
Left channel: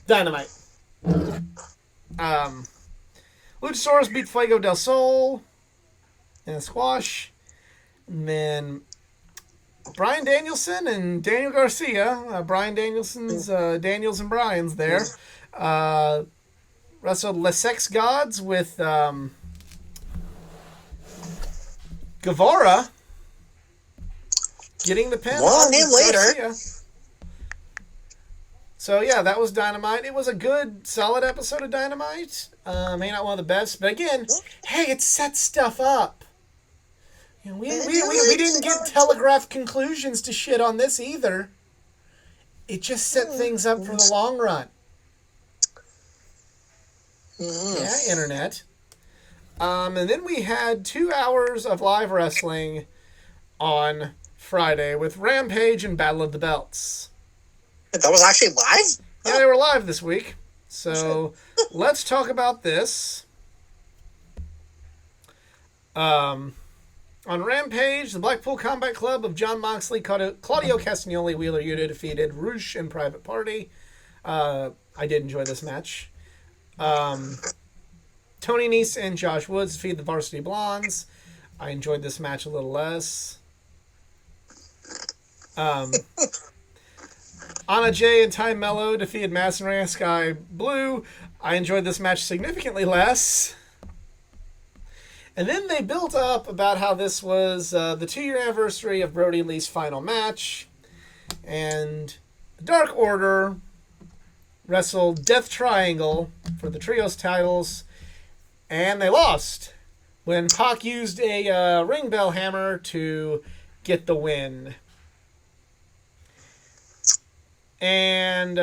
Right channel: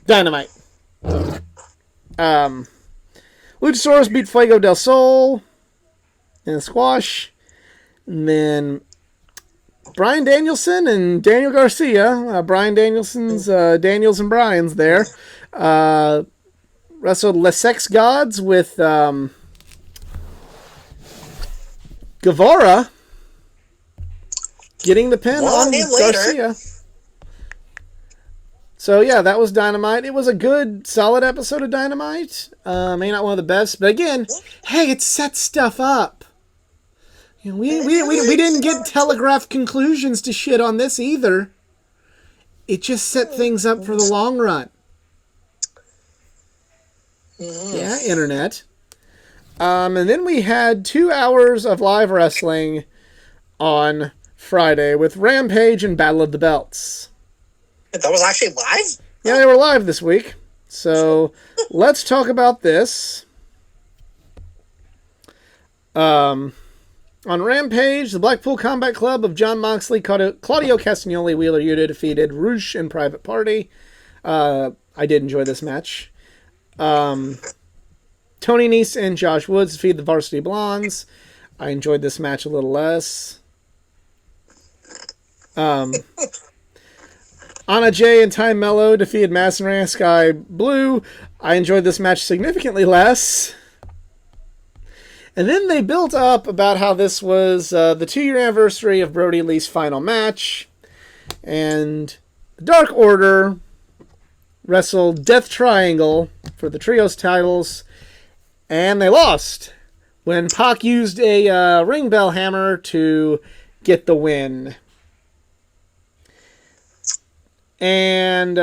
Dynamite. Luchasaurus beat Fuego del Sol in a squash. And then Bryan Danielson and Daniel Garcia, Bryan Danielson's Daniels and Bryan's there, wrestled Les Sex Gods with Guevara getting the pin on Garcia. So, yeah, that was Dynamite. It was a good, solid episode of Dynamite. Maybe not one of the best. But, again, hey, it sets stuff up. You know, we didn't get telegraphed conclusions to shit on this either. It just set things up for the long run. Yeah, Internet. And then we had 2 hours of live wrestling on Friday with Rampage and Battle of the Belts. That was actually live? Yeah, they were live this week. So let's talk about this. On Rampage, the Blackpool Combat Club of Jon Moxley, Claudio Castagnoli, Wheeler Yuta defeated Roosh and Private Party. I did enjoy this match. Tony Nese and Josh Woods defeated the Varsity Blondes. I enjoyed this match a little less. Anna Jay and Ty Mello defeated Madison Rayne and Sky Blue. I enjoyed this match significantly less. And then they built up about how this was the 2-year anniversary of Brody Lee's final match. And the Dark Order wrestled Death Triangle for the Trios titles. And they lost when Pac used a ring bell hammer to get the win. And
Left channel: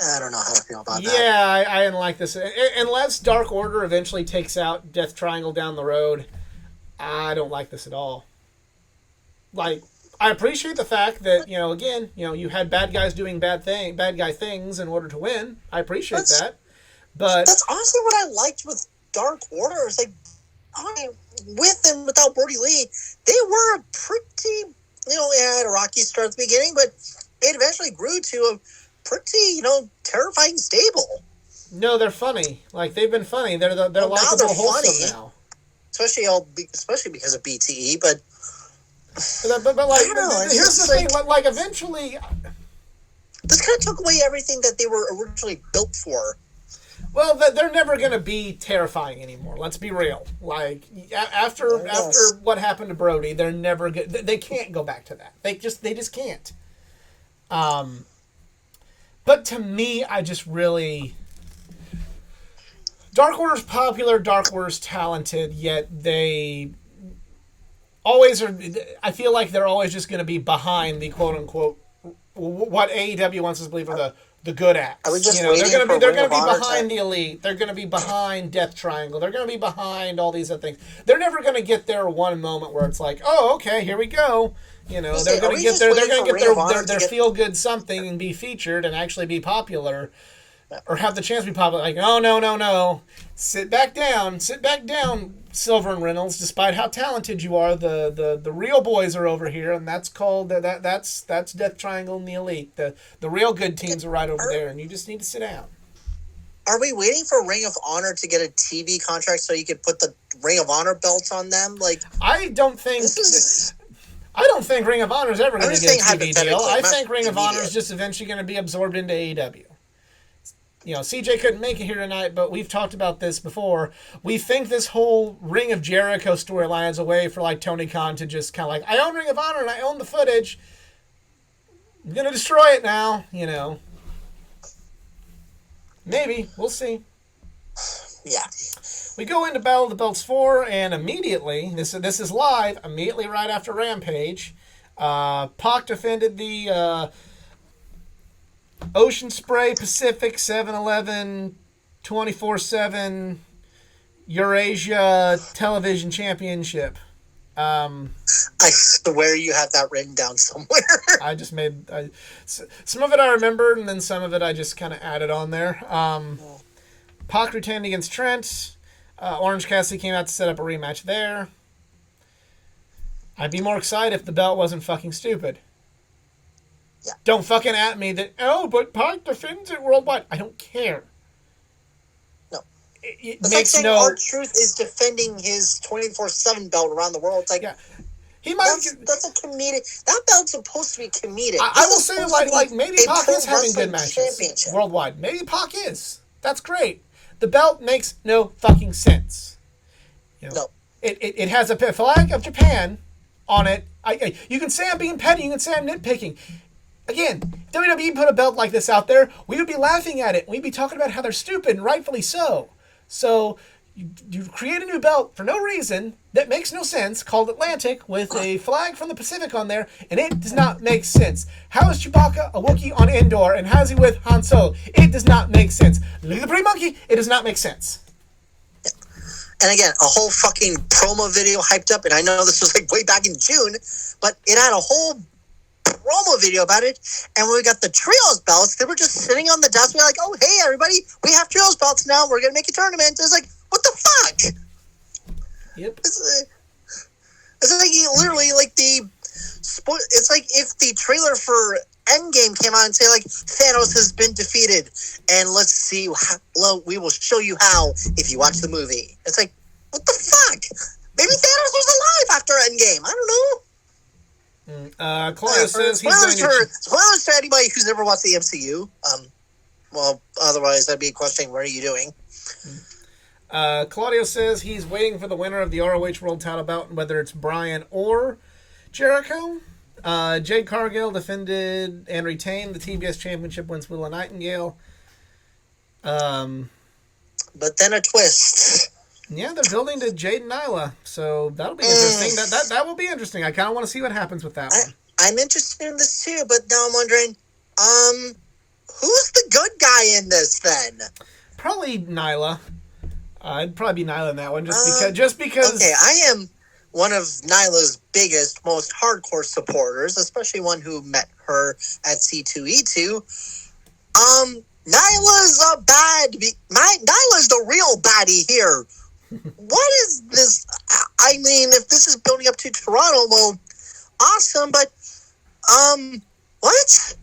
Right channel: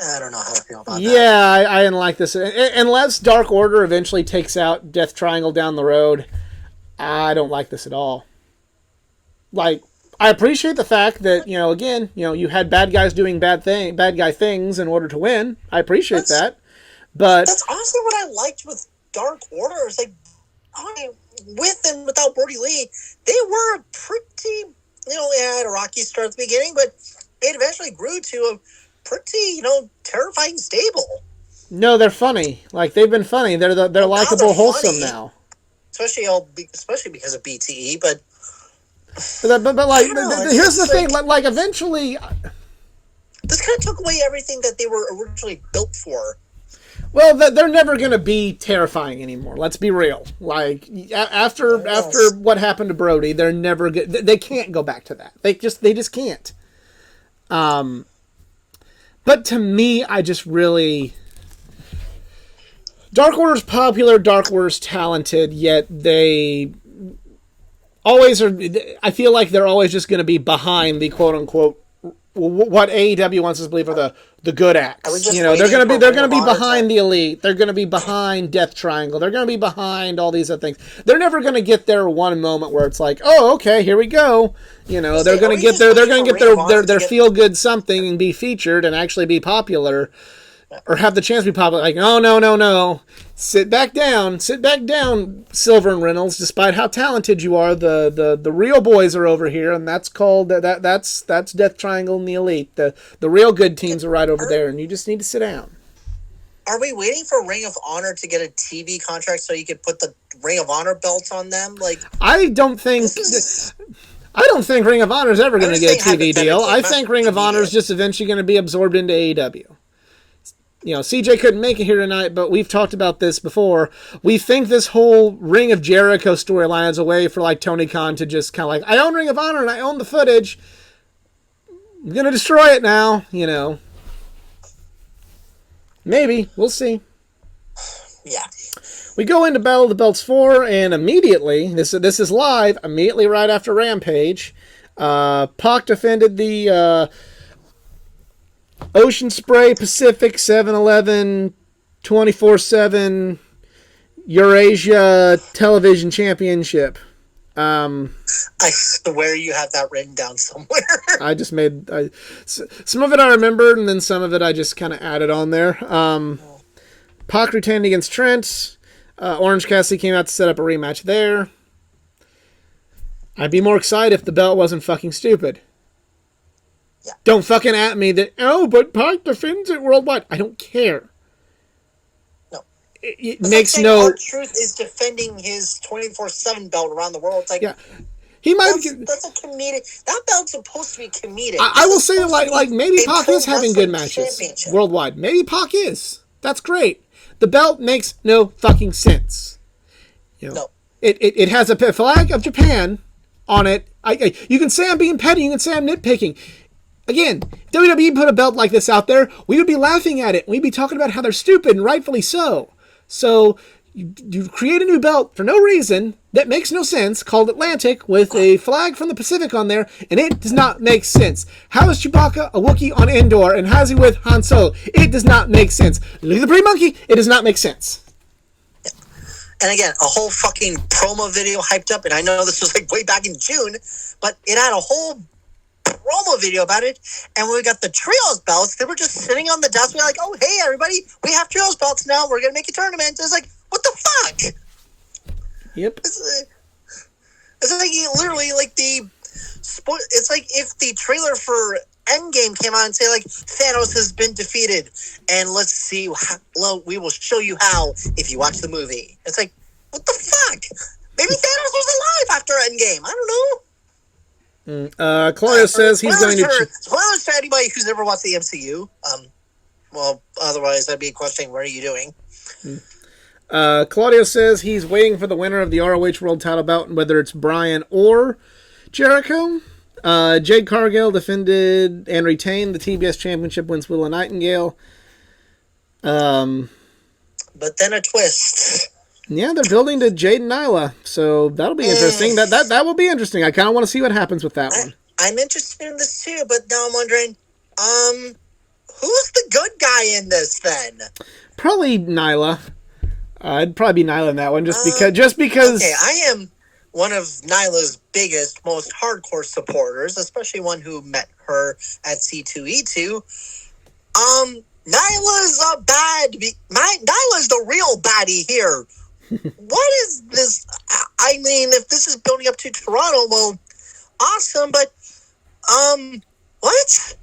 I don't know how to feel about that. Yeah, I didn't like this. Unless Dark Order eventually takes out Death Triangle down the road, I don't like this at all. Like, I appreciate the fact that, again, you had bad guys doing bad guy things in order to win. I appreciate that. But that's honestly what I liked with Dark Order. It's like, with and without Brody Lee, they were a pretty, it had a rocky start at the beginning, but it eventually grew to a pretty, terrifying stable. No, they're funny. Like, they've been funny. They're likable, wholesome now. Especially because of BTE, but like, here's the thing. Like, eventually, this kind of took away everything that they were originally built for. Well, they're never going to be terrifying anymore. Let's be real. Like, after what happened to Brody, they're never good. They can't go back to that. They just can't. But to me, I just really... Dark Order's popular, Dark Order's talented, yet they always are... I feel like they're always just going to be behind the quote-unquote... what AEW wants us to believe are the good acts. They're going to be behind the Elite. They're going to be behind Death Triangle. They're going to be behind all these other things. They're never going to get their one moment where it's like, oh, okay, here we go. They're going to get their feel good something and be featured and actually be popular, or have the chance to be popular. Like, oh, no. Sit back down, Silver and Reynolds. Despite how talented you are, the real boys are over here, and that's called that's Death Triangle and the Elite. The real good teams are right over there, and you just need to sit down. Are we waiting for Ring of Honor to get a TV contract so you could put the Ring of Honor belts on them? Like, I don't think Ring of Honor is ever going to get a TV deal. I think Ring of Honor is just eventually going to be absorbed into AEW. CJ couldn't make it here tonight, but we've talked about this before. We think this whole Ring of Jericho storyline is a way for, like, Tony Khan to just kind of like, I own Ring of Honor and I own the footage. I'm going to destroy it now, Maybe. We'll see. Yeah. We go into Battle of the Belts 4, and immediately, this is live, immediately right after Rampage, Pac defended the... Ocean Spray Pacific 7-Eleven 24/7 Eurasia Television Championship. I swear you have that written down somewhere. I just made... some of it I remembered, and then some of it I just kind of added on there. Pac retained against Trent. Orange Cassidy came out to set up a rematch there. I'd be more excited if the belt wasn't fucking stupid. Yeah. Don't fucking at me that, but Pac defends it worldwide. I don't care. No. It makes no... R-Truth is defending his 24/7 belt around the world. It's like, yeah. He might... That's a comedic... That belt's supposed to be comedic. I will say, like maybe Pac is having good matches worldwide. Maybe Pac is. That's great. The belt makes no fucking sense. No. It has a flag of Japan on it. You can say I'm being petty. You can say I'm nitpicking. Again, WWE put a belt like this out there, we would be laughing at it. We'd be talking about how they're stupid, and rightfully so. So, you create a new belt for no reason that makes no sense, called Atlantic, with a flag from the Pacific on there, and it does not make sense. How is Chewbacca a Wookiee on Endor, and how's he with Han Solo? It does not make sense. Look at the pretty monkey, it does not make sense. And again, a whole fucking promo video hyped up, and I know this was like way back in June, but it had a whole promo video about it, and when we got the trios belts, they were just sitting on the desk. We were like, oh, hey, everybody, we have trios belts now. We're going to make a tournament. It's like, what the fuck? Yep. It's like literally like it's like if the trailer for Endgame came out and say, like, Thanos has been defeated, and let's see, we will show you how if you watch the movie. It's like, what the fuck? Maybe Thanos was alive after Endgame. I don't know. Claudio says he's going to... Spoilers for anybody who's never watched the MCU. Well, otherwise that'd be a question, what are you doing? Claudio says he's waiting for the winner of the ROH World Title bout, whether it's Bryan or Jericho. Jade Cargill defended and retained the TBS Championship against Willow Nightingale. But then a twist. Yeah, they're building to Jade and Nyla, so that'll be interesting. That will be interesting. I kind of want to see what happens with that one. I'm interested in this too, but now I'm wondering, who's the good guy in this then? Probably Nyla. I'd probably be Nyla in that one, just because. Okay, I am one of Nyla's biggest, most hardcore supporters, especially one who met her at C2E2. Nyla's Nyla's the real baddie here. What is this? I mean, if this is building up to Toronto, well, awesome, but what?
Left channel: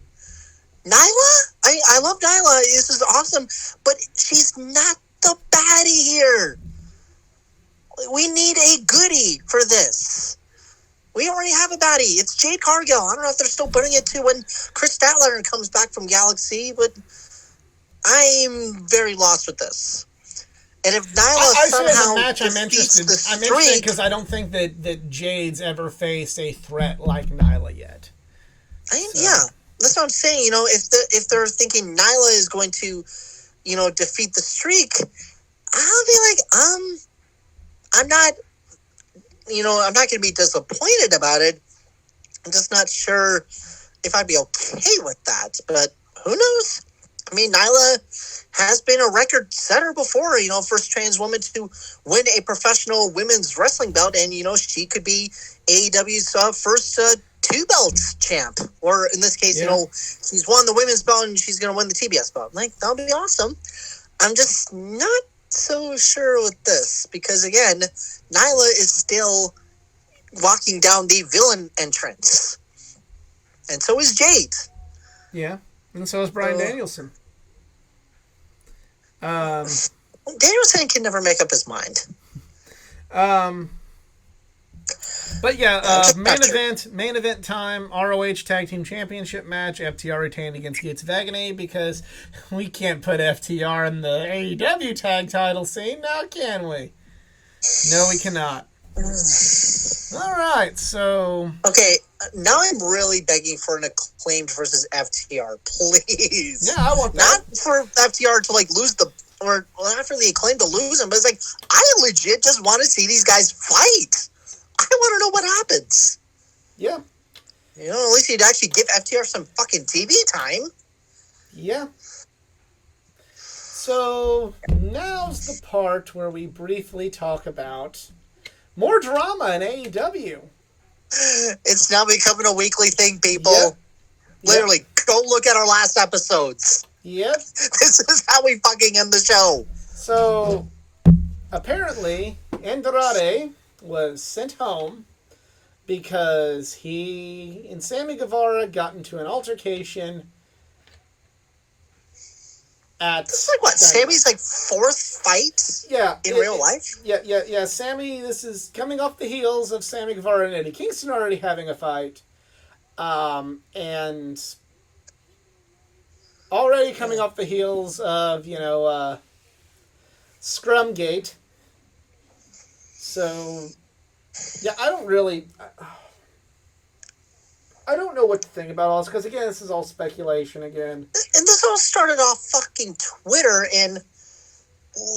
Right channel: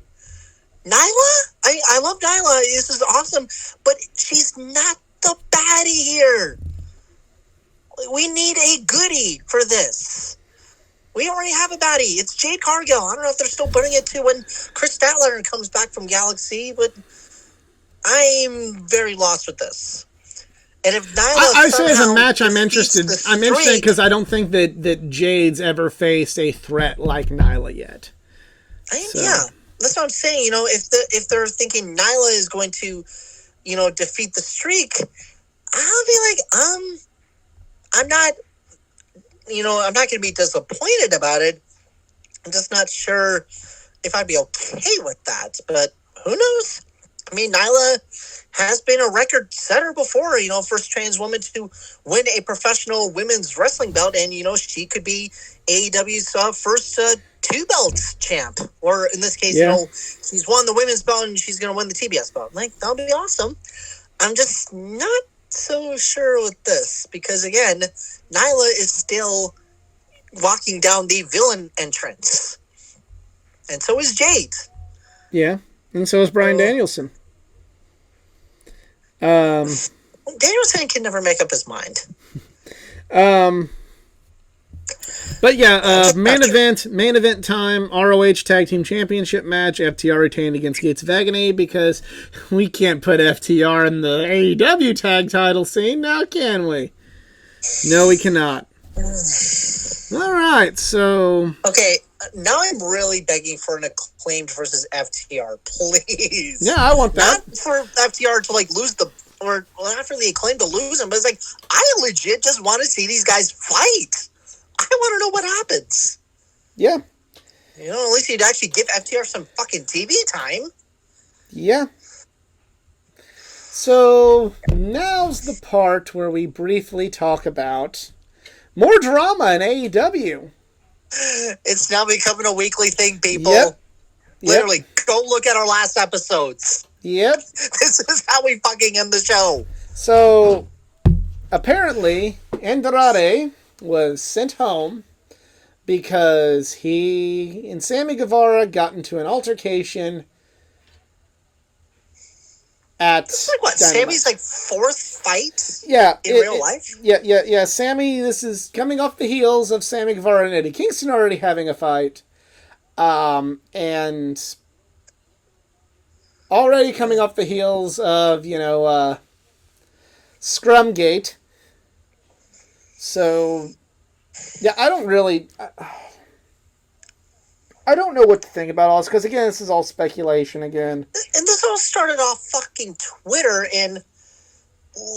Nyla? I love Nyla. This is awesome, but she's not the baddie here. We need a goodie for this. We already have a baddie. It's Jade Cargill. I don't know if they're still putting it to when Chris Statlander comes back from Galaxy, but I'm very lost with this. And if Nyla I say as a somehow match, I'm interested. I'm interested because I don't think that Jade's ever faced a threat like Nyla yet. Yeah, that's what I'm saying. You know, if they're thinking Nyla is going to, you know, defeat the streak, I'll be like, I'm not, you know, I'm not going to be disappointed about it. I'm just not sure if I'd be okay with that. But who knows? I mean, Nyla has been a record setter before, you know, first trans woman to win a professional women's wrestling belt. And, you know, she could be AEW's first two belts champ. Or in this case, you know, she's won the women's belt and she's going to win the TBS belt. Like, that would be awesome. I'm just not so sure with this because, again, Nyla is still walking down the villain entrance. And so is Jade. Yeah, and so is Bryan Danielson. Danielson can never make up his mind. But yeah, main event time, ROH Tag Team Championship match. FTR retained against Gates of Agony because we can't put FTR in the AEW tag title scene now, can we? No, we cannot. All right, so... Okay, now I'm really begging for an Acclaimed versus FTR, please. Yeah, I want that. Not for FTR to, like, lose the... Or not for the Acclaimed to lose them, but it's like, I legit just want to see these guys fight. I want to know what happens. Yeah. You know, at least you'd actually give FTR some fucking TV time. Yeah. So, now's the part where we briefly talk about more drama in AEW. It's now becoming a weekly thing, people. Yep. Literally, go look at our last episodes. Yep. This is how we fucking end the show. So, apparently, Endurare was sent home because he and Sammy Guevara got into an altercation at... This is like what? Dynamite. Sammy's like fourth fight in real life? Yeah. Sammy, this is coming off the heels of Sammy Guevara and Eddie Kingston already having a fight. And already coming off the heels of, you know, Scrumgate. So, yeah, I don't know what to think about all this, because, again, this is all speculation again. And this all started off fucking Twitter, and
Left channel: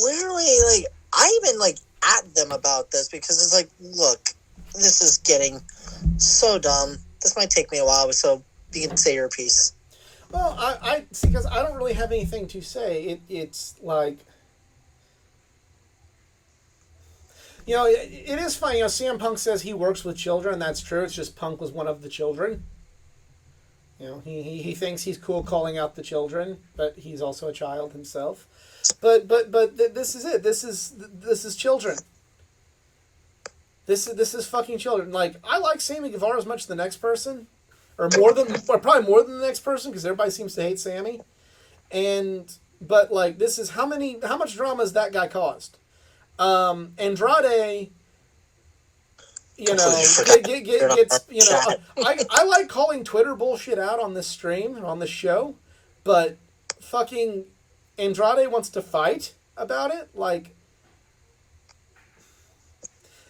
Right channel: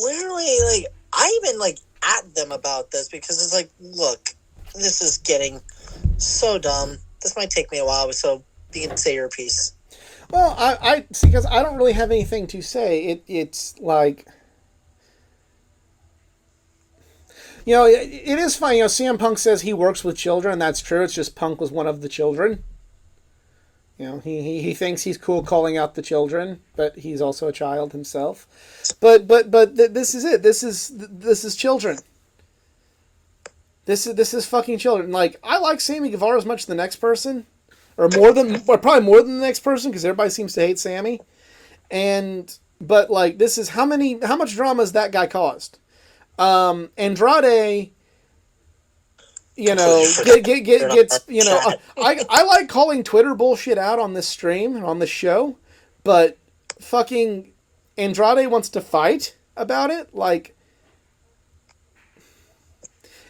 literally, like, I even, like, at them about this, because it's like, look, this is getting so dumb. This might take me a while, so you can say your piece. Well, I see, because I don't really have anything to say. It's like... You know, it is funny. You know, CM Punk says he works with children, and that's true. It's just Punk was one of the children. You know, he thinks he's cool calling out the children, but he's also a child himself. But this is it. This is children. This is fucking children. Like, I like Sammy Guevara as much as the next person, or probably more than the next person, because everybody seems to hate Sammy. But like, this is how much drama has that guy caused? Andrade, you know, gets, you know, I like calling Twitter bullshit out on this stream, on this show, but fucking Andrade wants to fight about it, like,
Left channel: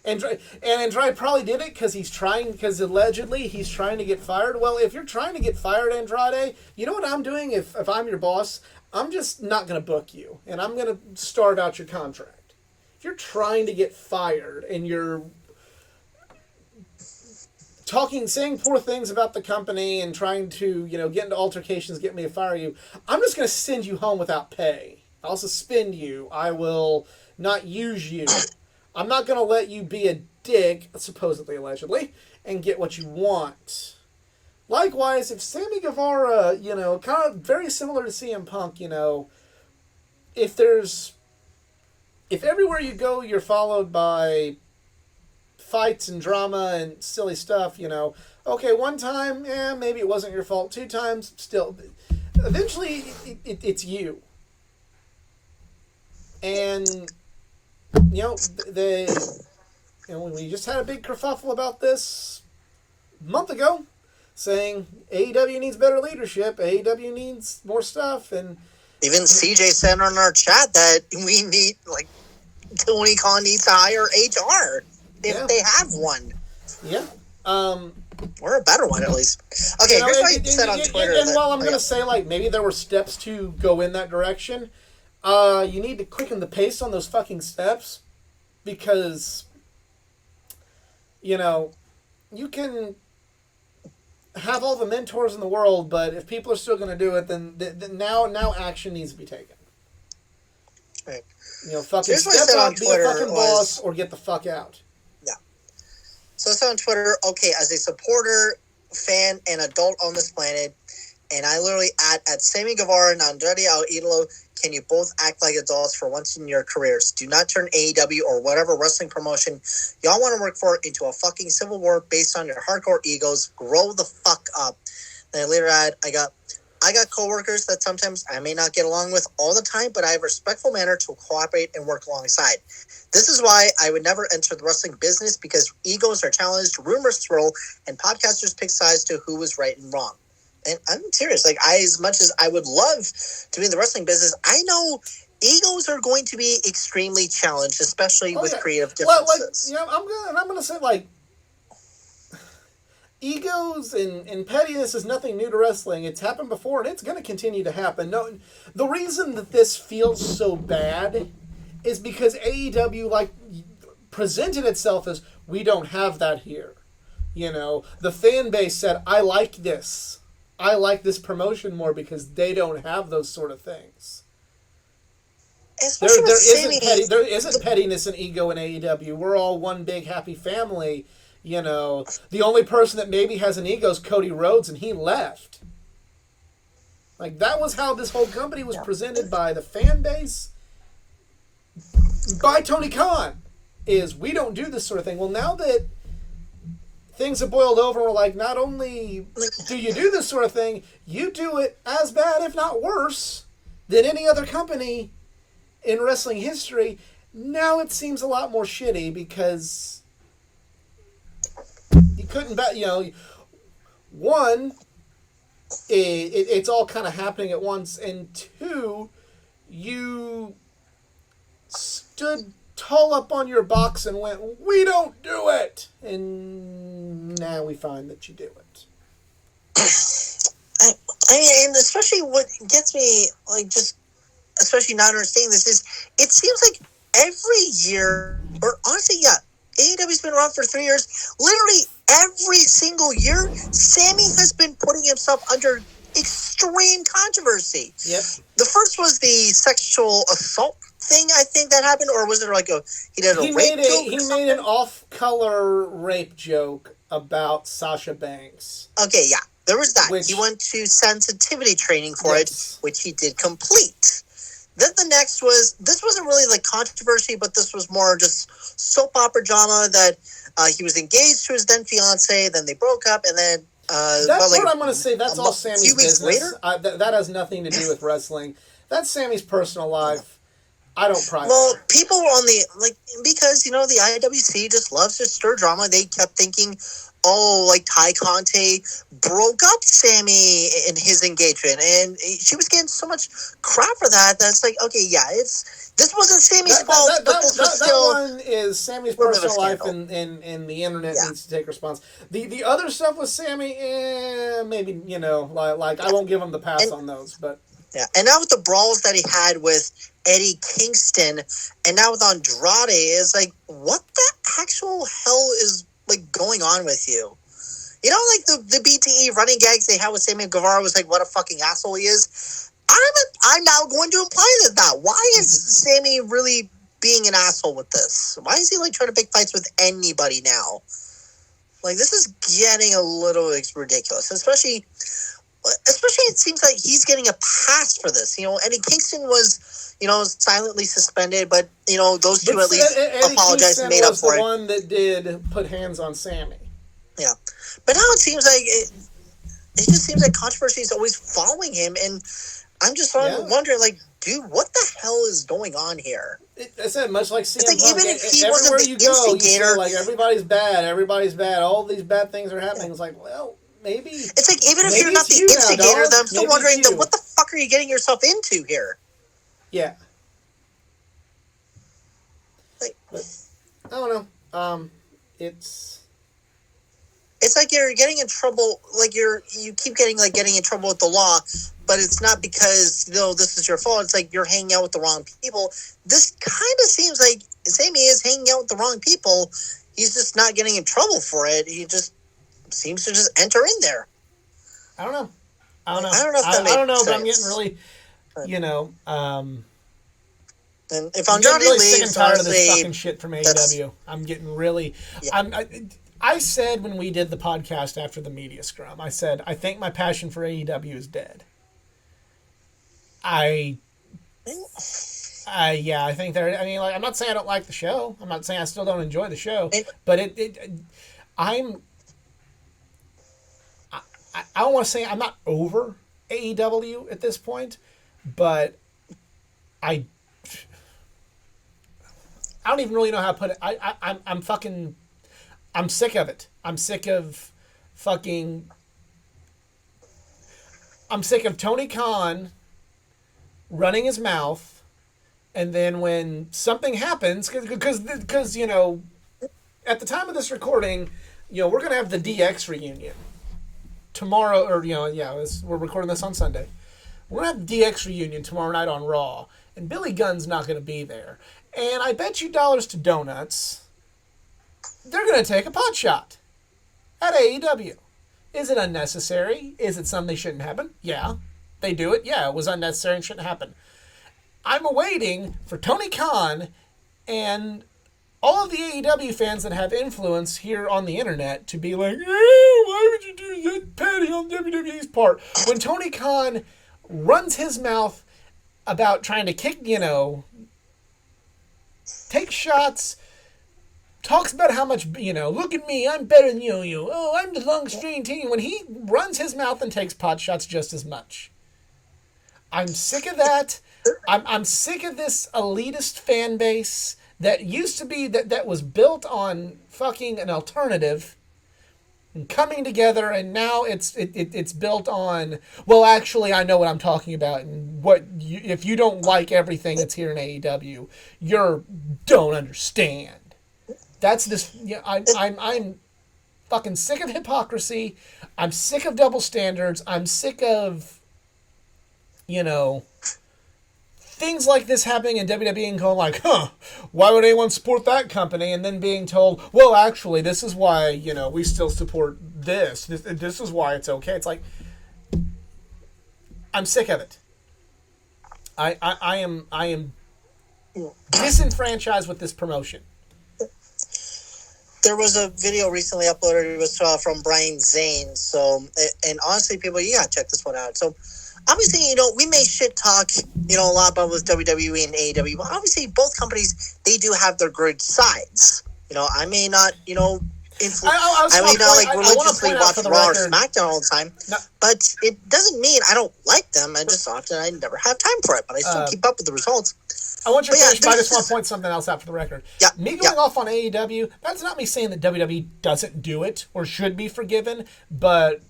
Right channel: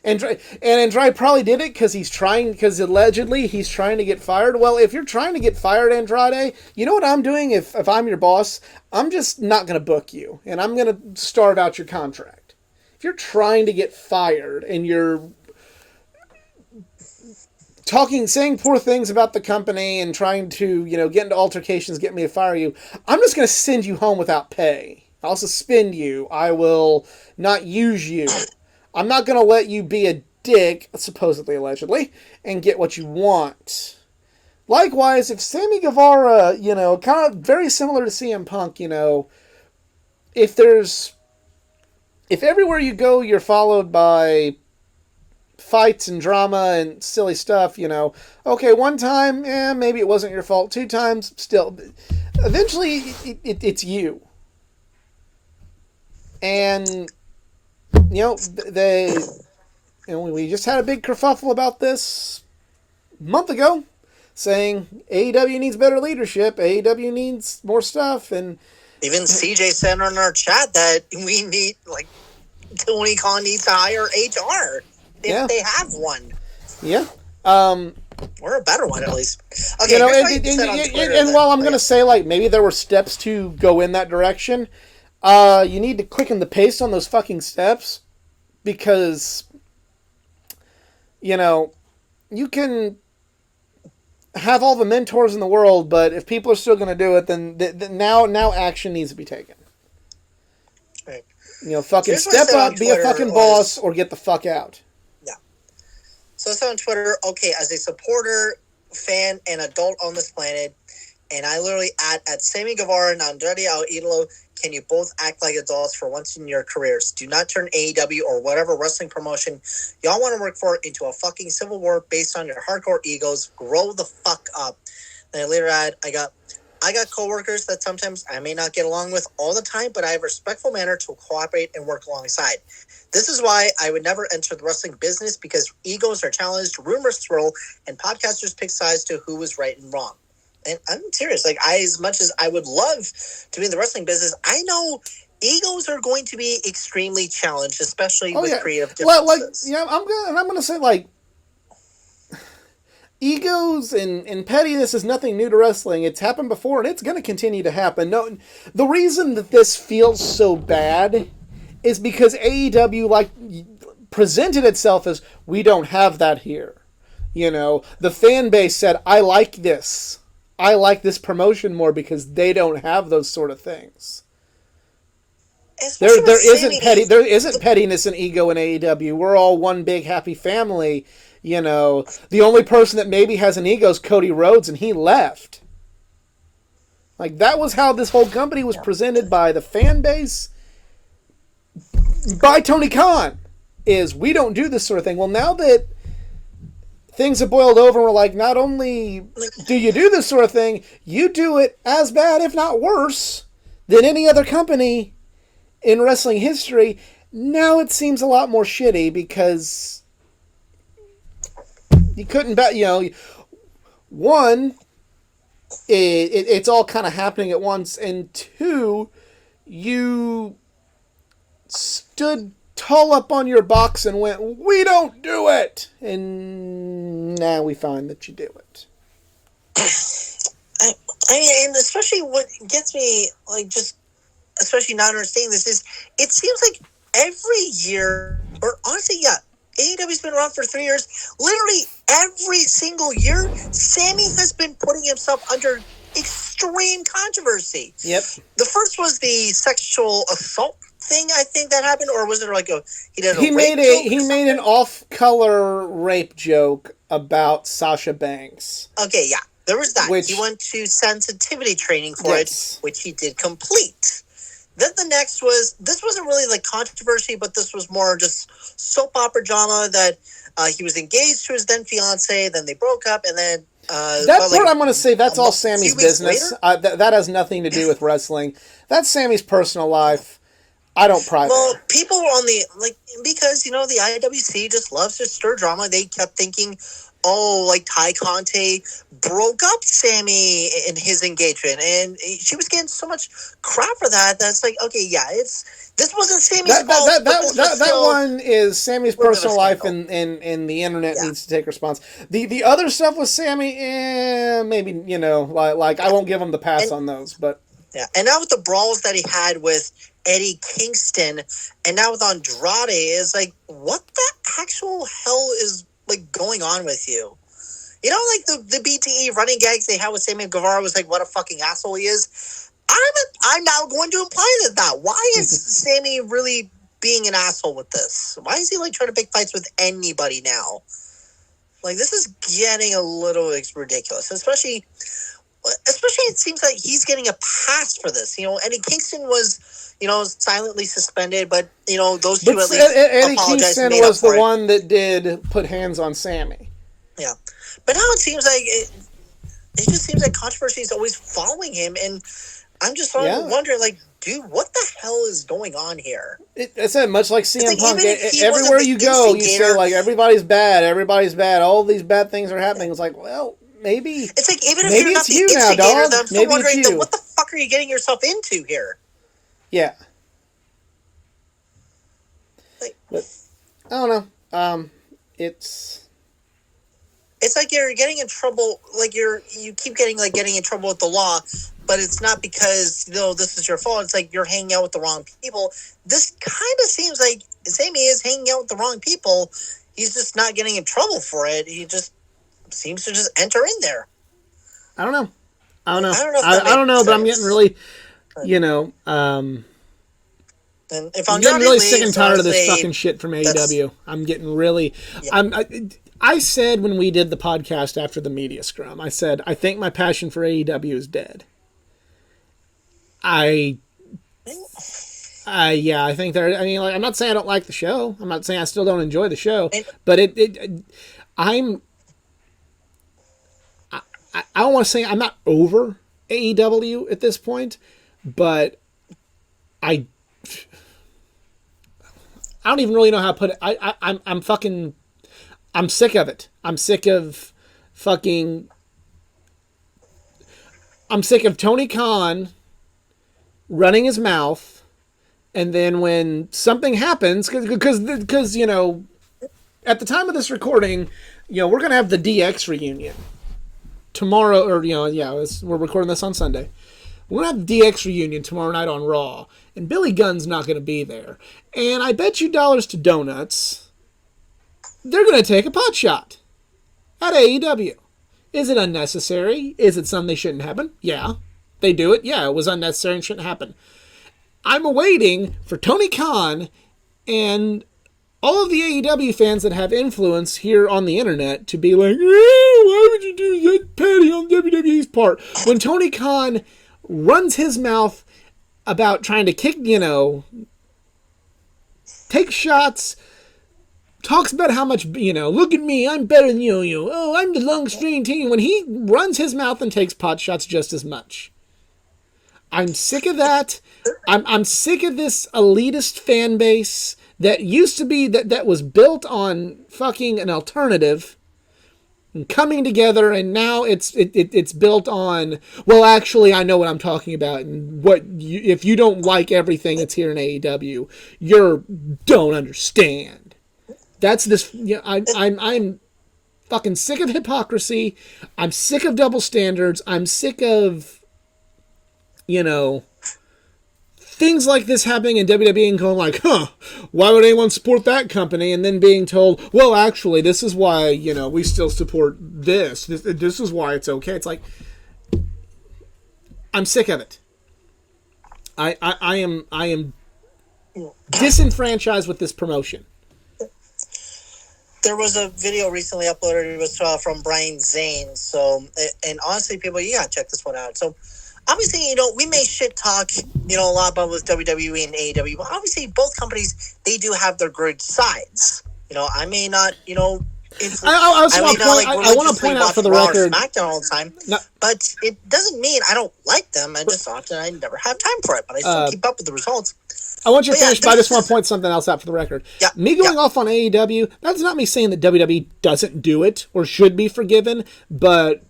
and Andrade probably did it because allegedly he's trying to get fired. Well, if you're trying to get fired, Andrade, you know what I'm doing if I'm your boss? I'm just not going to book you, and I'm going to start out your contract. If you're trying to get fired and you're saying poor things about the company and trying to, get into altercations, get me to fire you, I'm just going to send you home without pay. I'll suspend you. I will not use you. I'm not going to let you be a dick, supposedly, allegedly, and get what you want. Likewise, if Sammy Guevara, kind of very similar to CM Punk, if everywhere you go you're followed by fights and drama and silly stuff, okay, one time, maybe it wasn't your fault. Two times, still. Eventually, it's you. And, we just had a big kerfuffle about this a month ago, saying AEW needs better leadership, AEW needs more stuff, and even CJ said on our chat that we need, Tony Khan needs to hire HR if they have one. Yeah. Or a better one, at least. Okay, here's what he said on Twitter. And while I'm going to say, maybe there were steps to go in that direction, you need to quicken the pace on those fucking steps, because, you can have all the mentors in the world, but if people are still going to do it, then now action needs to be taken. Right. Fucking step up, be a fucking boss, or get the fuck out. Yeah. So I said on Twitter, okay, as a supporter, fan, and adult on this planet, and I literally at Sammy Guevara and Andrade El Idolo, can you both act like adults for once in your careers? Do not turn AEW or whatever wrestling promotion y'all want to work for into a fucking civil war based on your hardcore egos. Grow the fuck up. Then I later add, I got coworkers that sometimes I may not get along with all the time, but I have a respectful manner to cooperate and work alongside. This is why I would never enter the wrestling business, because egos are challenged, rumors swirl, and podcasters pick sides to who was right and wrong. And I'm serious. As much as I would love to be in the wrestling business, I know egos are going to be extremely challenged, especially with creative differences. I'm gonna say egos and pettiness is nothing new to wrestling. It's happened before, and it's gonna continue to happen. No, the reason that this feels so bad is because AEW presented itself as, we don't have that here. The fan base said, I like this. I like this promotion more because they don't have those sort of things. There isn't pettiness and ego in AEW. We're all one big happy family. The only person that maybe has an ego is Cody Rhodes, and he left. That was how this whole company was presented by the fan base, by Tony Khan, is we don't do this sort of thing. Well, now that things have boiled over, and we're not only do you do this sort of thing, you do it as bad, if not worse, than any other company in wrestling history. Now it seems a lot more shitty, because you couldn't bet, one, it's all kind of happening at once, and two, you stood tall up on your box and went, we don't do it, and now we find that you do it. I mean, and especially what gets me, especially not understanding this, is it seems like every year, or honestly, AEW's been around for 3 years. Literally every single year, Sammy has been putting himself under extreme controversy. Yep. The first was the sexual assault thing, I think, that happened, or was it he made an off-color rape joke about Sasha Banks. Okay, yeah, there was that. He went to sensitivity training for it, which he did complete. Then the next was, this wasn't really controversy, but this was more just soap opera drama that he was engaged to his then fiance, then they broke up, and then that's what I'm going to say. That's all Sammy's business. That has nothing to do with wrestling. That's Sammy's personal life. I don't pry. Well, people were on the because the IWC just loves to stir drama. They kept thinking, Ty Conte broke up Sammy in his engagement, and she was getting so much crap for that. That's this wasn't Sammy's fault. That one is Sammy's personal life, and the internet needs to take response. The other stuff with Sammy, maybe I won't give him the pass on those, but yeah. And now with the brawls that he had with Eddie Kingston, and now with Andrade, is what the actual hell is going on with you? You know, like the BTE running gags they had with Sammy Guevara was like, what a fucking asshole he is. I'm now going to imply that. Why is Sammy really being an asshole with this? Why is he like trying to pick fights with anybody now? Like, this is getting a little ridiculous, especially it seems like he's getting a pass for this. You know, Eddie Kingston was, you know, silently suspended, but, you know, those two at least apologized and made up for it. Eddie Kingston was the one that did put hands on Sammy. Yeah. But now it seems like it just seems like controversy is always following him, and I'm just wondering, like, dude, what the hell is going on here? It's much like CM like, Punk. even if he Everywhere wasn't you the go, you instigator, say, like, everybody's bad, all these bad things are happening. It's like, well, maybe... It's like, even if you're not the instigator, then I'm still wondering, then what the fuck are you getting yourself into here? Yeah. Like, but, I don't know. It's like you're getting in trouble, like you keep getting in trouble with the law, but it's not because, you know, this is your fault. It's like you're hanging out with the wrong people. This kind of seems like Sammy is hanging out with the wrong people. He's just not getting in trouble for it. He just seems to just enter in there. I don't know. I don't know, but I'm getting really, you know, and if I'm getting really sick and tired of this fucking shit from AEW. I'm getting really, I said when we did the podcast after the media scrum, I said, I think my passion for AEW is dead. I think there. I mean, like, I'm not saying I don't like the show. I'm not saying I still don't enjoy the show, but I don't want to say I'm not over AEW at this point, but I don't even really know how to put it. I'm sick of it. I'm sick of Tony Khan running his mouth, and then when something happens, because you know, at the time of this recording, you know, we're gonna have the DX reunion tomorrow, or you know, we're recording this on Sunday. We're gonna have the DX reunion tomorrow night on Raw, and Billy Gunn's not gonna be there, and I bet you dollars to donuts they're going to take a pot shot at AEW. Is it unnecessary? Is it something they shouldn't happen? Yeah. They do it. Yeah, it was unnecessary and shouldn't happen. I'm awaiting for Tony Khan and all of the AEW fans that have influence here on the internet to be like, why would you do that petty on WWE's part? When Tony Khan runs his mouth about trying to kick, you know, take shots, talks about how much, you know, look at me, I'm better than you. Oh, I'm the long string team. When he runs his mouth and takes pot shots just as much. I'm sick of that. I'm sick of this elitist fan base that used to be, that was built on fucking an alternative and coming together, and now it's built on, well, actually, I know what I'm talking about, and if you don't like everything that's here in AEW, you don't understand. That's this. You know, I'm fucking sick of hypocrisy. I'm sick of double standards. I'm sick of, you know, things like this happening in WWE and going like, why would anyone support that company? And then being told, well, actually, this is why, you know, we still support this. This is why it's okay. It's like, I'm sick of it. I am disenfranchised with this promotion. There was a video recently uploaded. It was from Brian Zane. So, and honestly, people, you gotta check this one out. So, obviously, you know, we may shit talk, you know, a lot about with WWE and AEW, but obviously, both companies, they do have their good sides. You know, I may not, you know, I may not like religiously watch Raw or SmackDown all the time, but it doesn't mean I don't like them. I never have time for it, but I still keep up with the results. I want you to finish, but I just want to point something else out for the record. Yeah, me going off on AEW, that's not me saying that WWE doesn't do it or should be forgiven, but,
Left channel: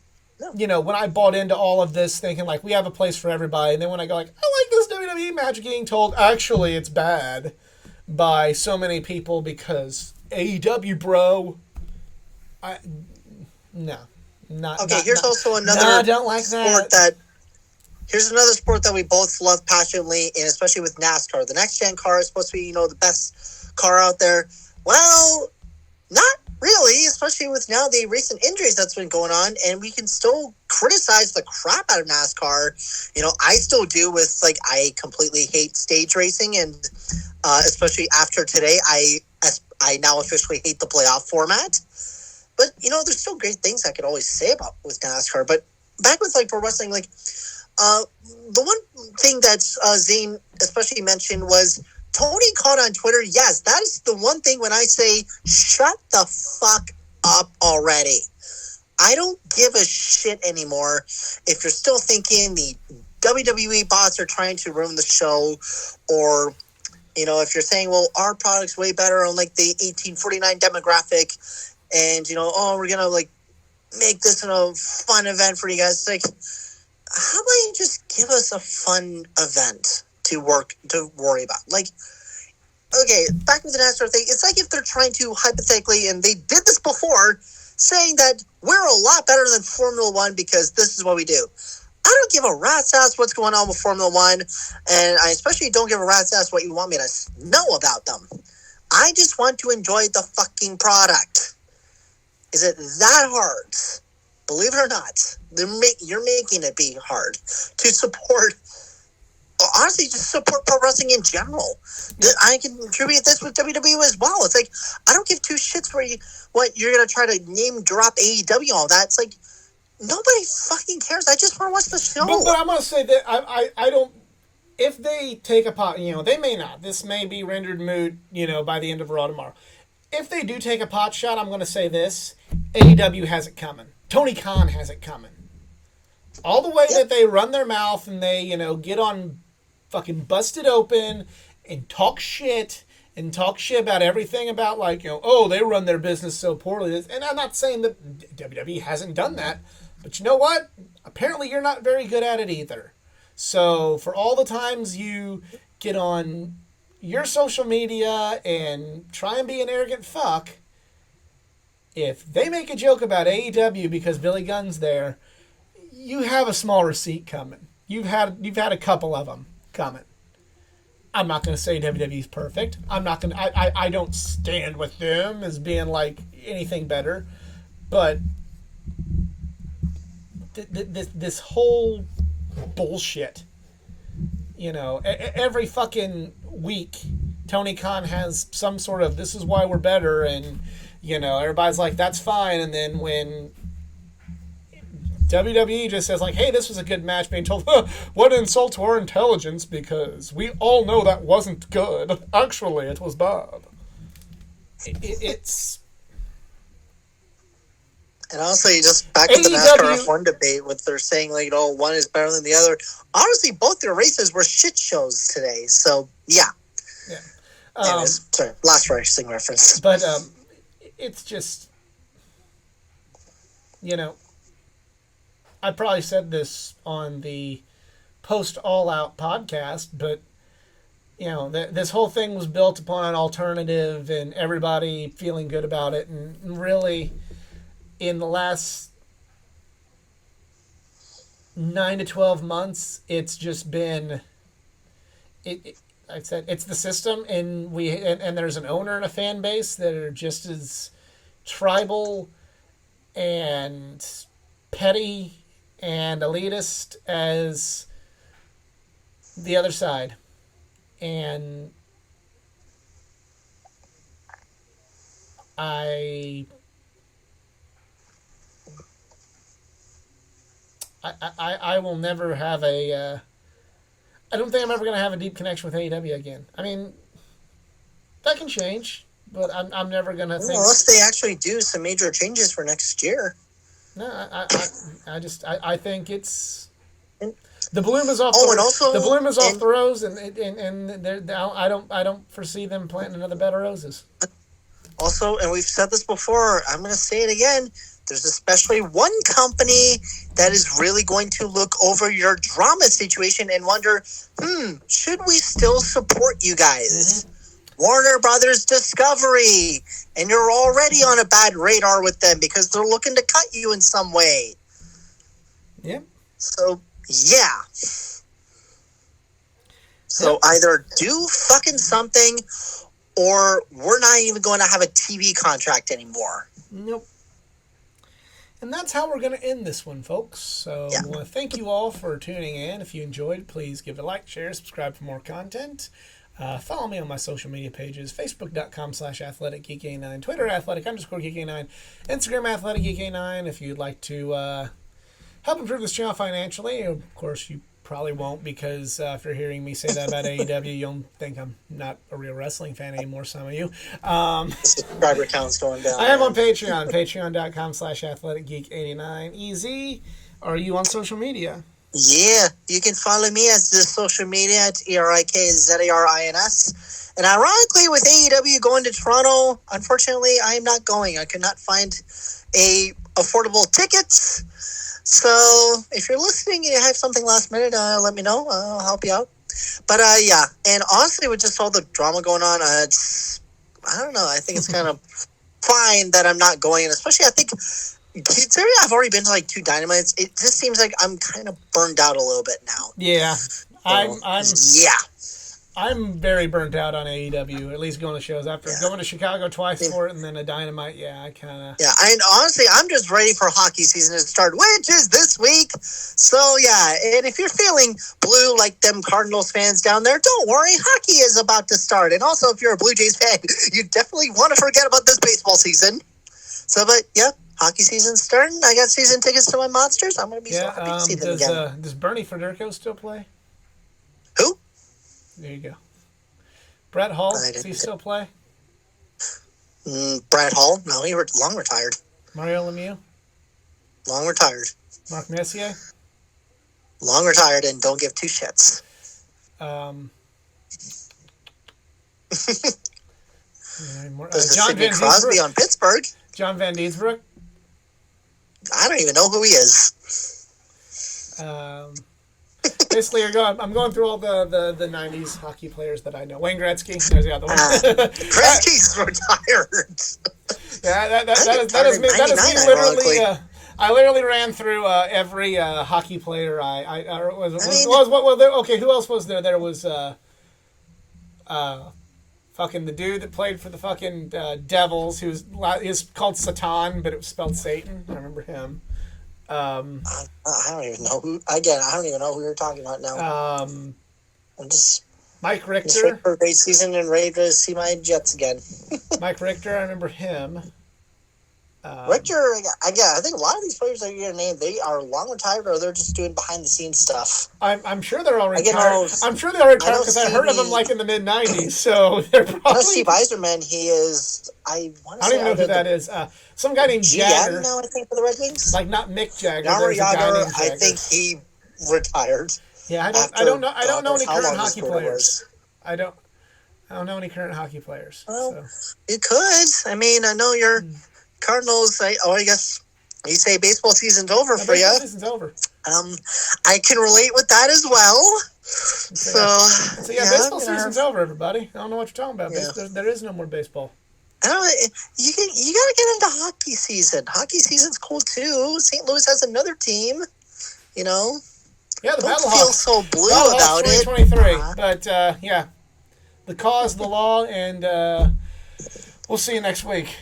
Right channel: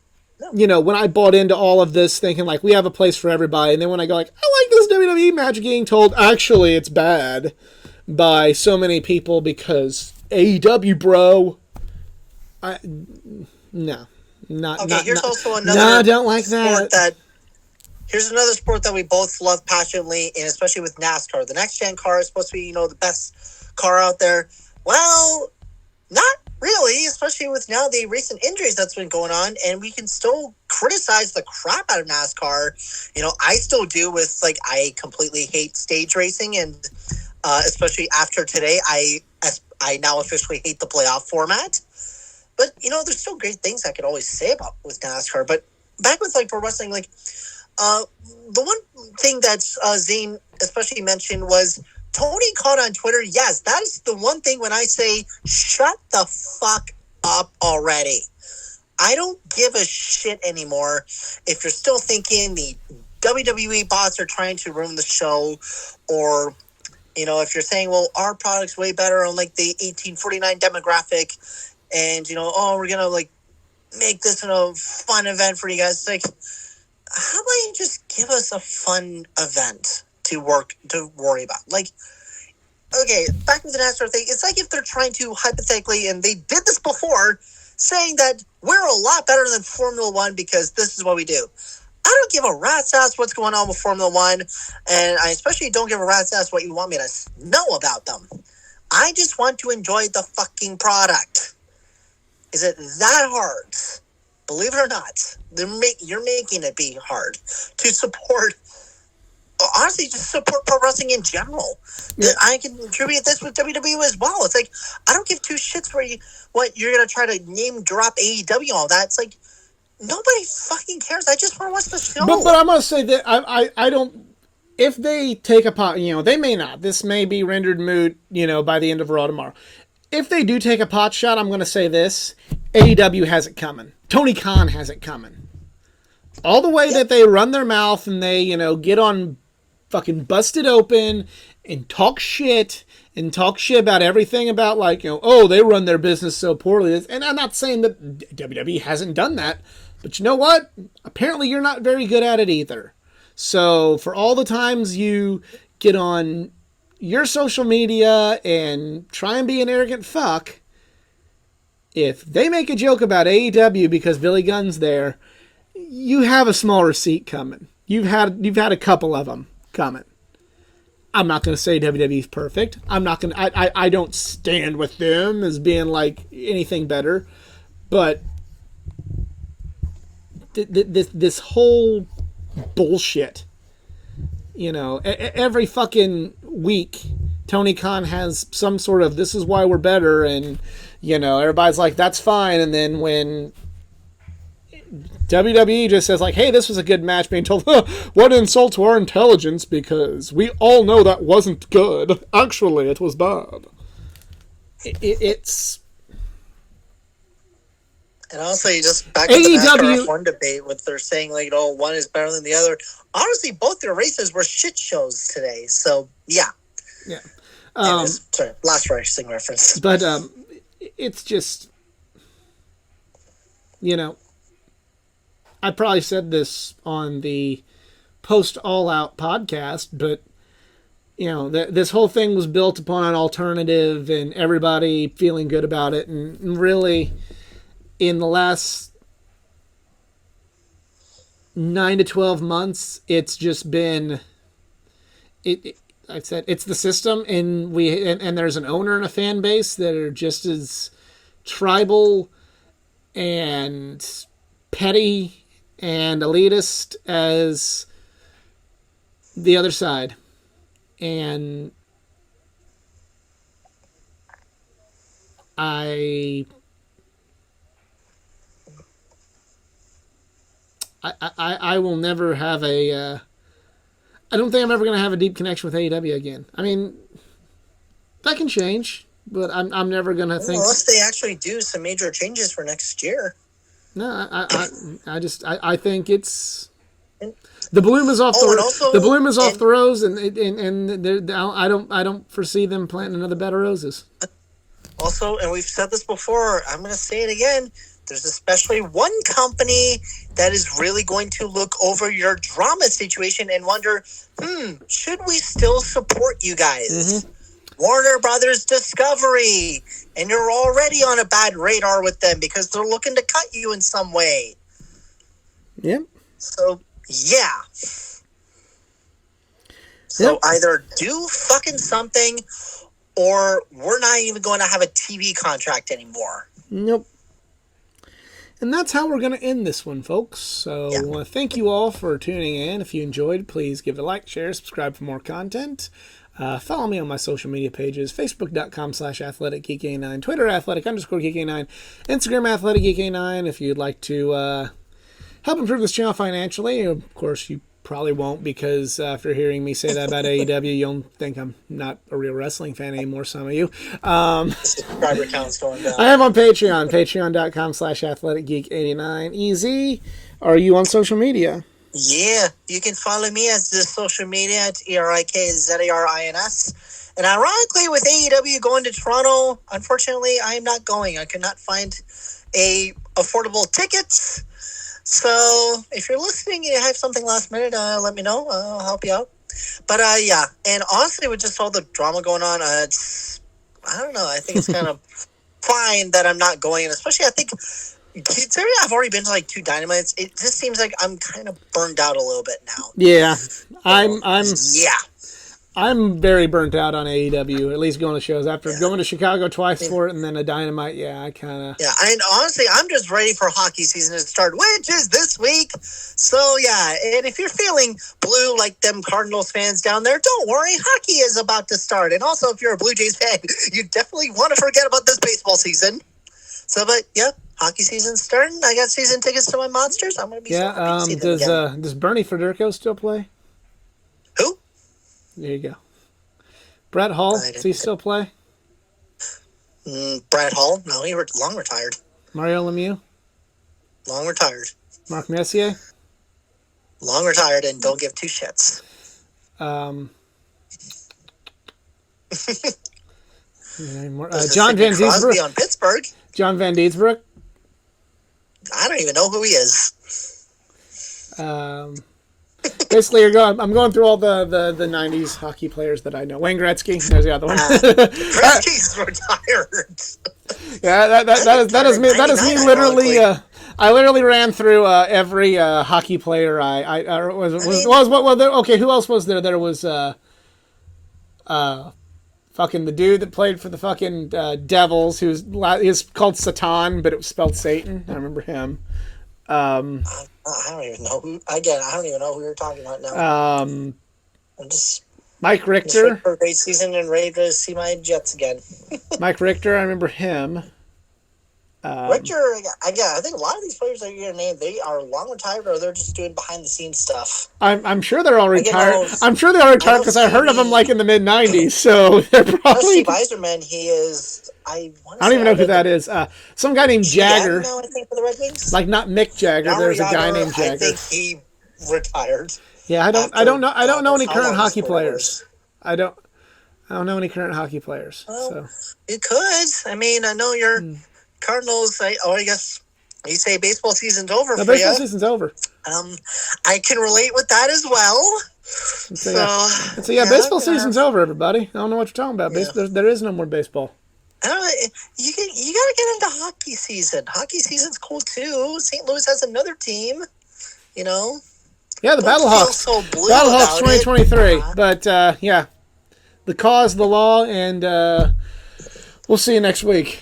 you know, when I bought into all of this thinking, like, we have a place for everybody, and then when I go, like, I like this WWE match, getting told, actually, it's bad by so many people because AEW, bro. Here's also another don't like sport that. Here's another sport that we both love passionately, and especially with NASCAR. The next gen car is supposed to be, you know, the best car out there. Well, not really, especially with now the recent injuries that's been going on, and we can still criticize the crap out of NASCAR. I still do with, like, I completely hate stage racing, and especially after today, I now officially hate the playoff format. But, there's still great things I could always say about with NASCAR. But back with, like, pro wrestling, like, the one thing that Zane especially mentioned was Tony Khan on Twitter. Yes, that is the one thing when I say, shut the fuck up already. I don't give a shit anymore if you're still thinking the WWE bots are trying to ruin the show, or, if you're saying, well, our product's way better on, like, the 1849 demographic, and, we're going to, like, make this a fun event for you guys. It's like, how about you just give us a fun event to worry about? Like, okay, back with the NASCAR thing, it's like if they're trying to hypothetically, and they did this before, saying that we're a lot better than Formula One because this is what we do. I don't give a rat's ass what's going on with Formula One, and I especially don't give a rat's ass what you want me to know about them. I just want to enjoy the fucking product. Is it that hard? Believe it or not, you're making it be hard to support. Honestly, just support pro wrestling in general. Yeah. I can contribute this with WWE as well. It's like, I don't give two shits what you're gonna try to name drop AEW, all that. It's like, nobody fucking cares. I just want to watch the show. But I must say that I don't. If they take a pot, they may not. This may be rendered moot, by the end of Raw tomorrow. If they do take a pot shot, I'm going to say this: AEW has it coming. Tony Khan has it coming. All the way that they run their mouth and they, get on fucking Busted Open and talk shit about everything about, like, oh, they run their business so poorly. And I'm not saying that WWE hasn't done that, but you know what? Apparently you're not very good at it either. So for all the times you get on your social media and try and be an arrogant fuck, if they make a joke about AEW because Billy Gunn's there, you have a small receipt coming. You've had a couple of them coming. I'm not going to say WWE's perfect. I'm not going to. I don't stand with them as being like anything better, but this whole bullshit. Every fucking week, Tony Khan has some sort of, this is why we're better, and, everybody's like, that's fine, and then when WWE just says, like, hey, this was a good match, being told, what insult to our intelligence, because we all know that wasn't good. Actually, it was bad. It's... And also, you just back to the NASCAR F1 debate with they're saying, like, one is better than the other. Honestly, both their races were shit shows today. So, yeah. Yeah. Anyways, sorry, last racing reference. But it's just, I probably said this on the post All Out podcast, but, this whole thing was built upon an alternative and everybody feeling good about it. And really, in the last 9 to 12 months, it's just been, I said, it's the system, and there's an owner and a fan base that are just as tribal and petty and elitist as the other side. And I will never have a... I don't think I'm ever going to have a deep connection with AEW again. I mean, that can change, but I'm never going to think... Unless they actually do some major changes for next year. No, I think it's... The bloom is off the bloom is off the rose, and I don't foresee them planting another bed of roses. Also, and we've said this before, I'm going to say it again, there's especially one company that is really going to look over your drama situation and wonder, should we still support you guys? Mm-hmm. Warner Brothers Discovery, and you're already on a bad radar with them because they're looking to cut you in some way. Yep. So, yeah. So either do fucking something, or we're not even going to have a TV contract anymore. Nope. And that's how we're going to end this one, folks. So I want to thank you all for tuning in. If you enjoyed, please give it a like, share, subscribe for more content. Follow me on my social media pages, facebook.com/athleticgeeka9, Twitter athletic_geeka9, Instagram athleticgeeka9. If you'd like to help improve this channel financially, of course you probably won't, because after hearing me say that about AEW, you'll think I'm not a real wrestling fan anymore, some of you. The subscriber count's going down. I am on Patreon, patreon.com/athleticgeek89. Easy. Are you on social media? Yeah, you can follow me as the social media at ERIKZARINS. And ironically, with AEW going to Toronto, unfortunately, I am not going. I could not find affordable tickets. So if you're listening and you have something last minute, let me know. I'll help you out. But yeah, and honestly, with just all the drama going on, I don't know. I think it's kind of fine that I'm not going, and especially I think considering I've already been to like 2 Dynamites, it just seems like I'm kind of burned out a little bit now. Yeah, so, I'm very burnt out on AEW, at least going to shows. After going to Chicago twice for it and then a Dynamite, I kind of... Yeah, and honestly, I'm just ready for hockey season to start, which is this week. So, yeah, and if you're feeling blue like them Cardinals fans down there, don't worry, hockey is about to start. And also, if you're a Blue Jays fan, you definitely want to forget about this baseball season. So, but, yeah, hockey season's starting. I got season tickets to my Monsters. I'm going to be so happy to see them again. Does Bernie Federico still play? Who? There you go. Brett Hull, does he still play? Brett Hull? No, he long retired. Mario Lemieux? Long retired. Mark Messier? Long retired and don't give 2 shits. John Van Crosby on Pittsburgh. John Van Dietsbroek? I don't even know who he is. Basically, I'm going through all the 90s hockey players that I know. Wayne Gretzky, there's the other one. Gretzky's retired. Yeah, that is me literally. I literally ran through every hockey player okay, who else was there? There was fucking the dude that played for the fucking Devils, he's called Satan, but it was spelled Satan. I remember him. I don't even know who. Again, I don't even know who you're talking about now. I'm just Mike Richter for a great season and ready to see my Jets again. Mike Richter, I remember him. Richter, I think a lot of these players that you're gonna name, they are long retired or they're just doing behind the scenes stuff. I'm sure they're all retired. I'm sure they are retired because I heard of them like in the mid '90s. So they're probably. Steve Yzerman, he is. I don't even know who that is. Some guy named Jagger. Now, I think for the Red Wings. Like not Mick Jagger. There's a guy named Jagger. I think he retired. Yeah, I don't know any current hockey players. I don't know any current hockey players. Well, you could. I mean, I know you're Cardinals. I guess you say baseball season's over for you. Baseball season's over. I can relate with that as well. So baseball season's over, everybody. I don't know what you're talking about. Yeah. There is no more baseball. I don't know. You got to get into hockey season. Hockey season's cool too. St. Louis has another team. You know. Yeah, the Battlehawks. So blue Battlehawks about 2023. But the cause, the law, and we'll see you next week.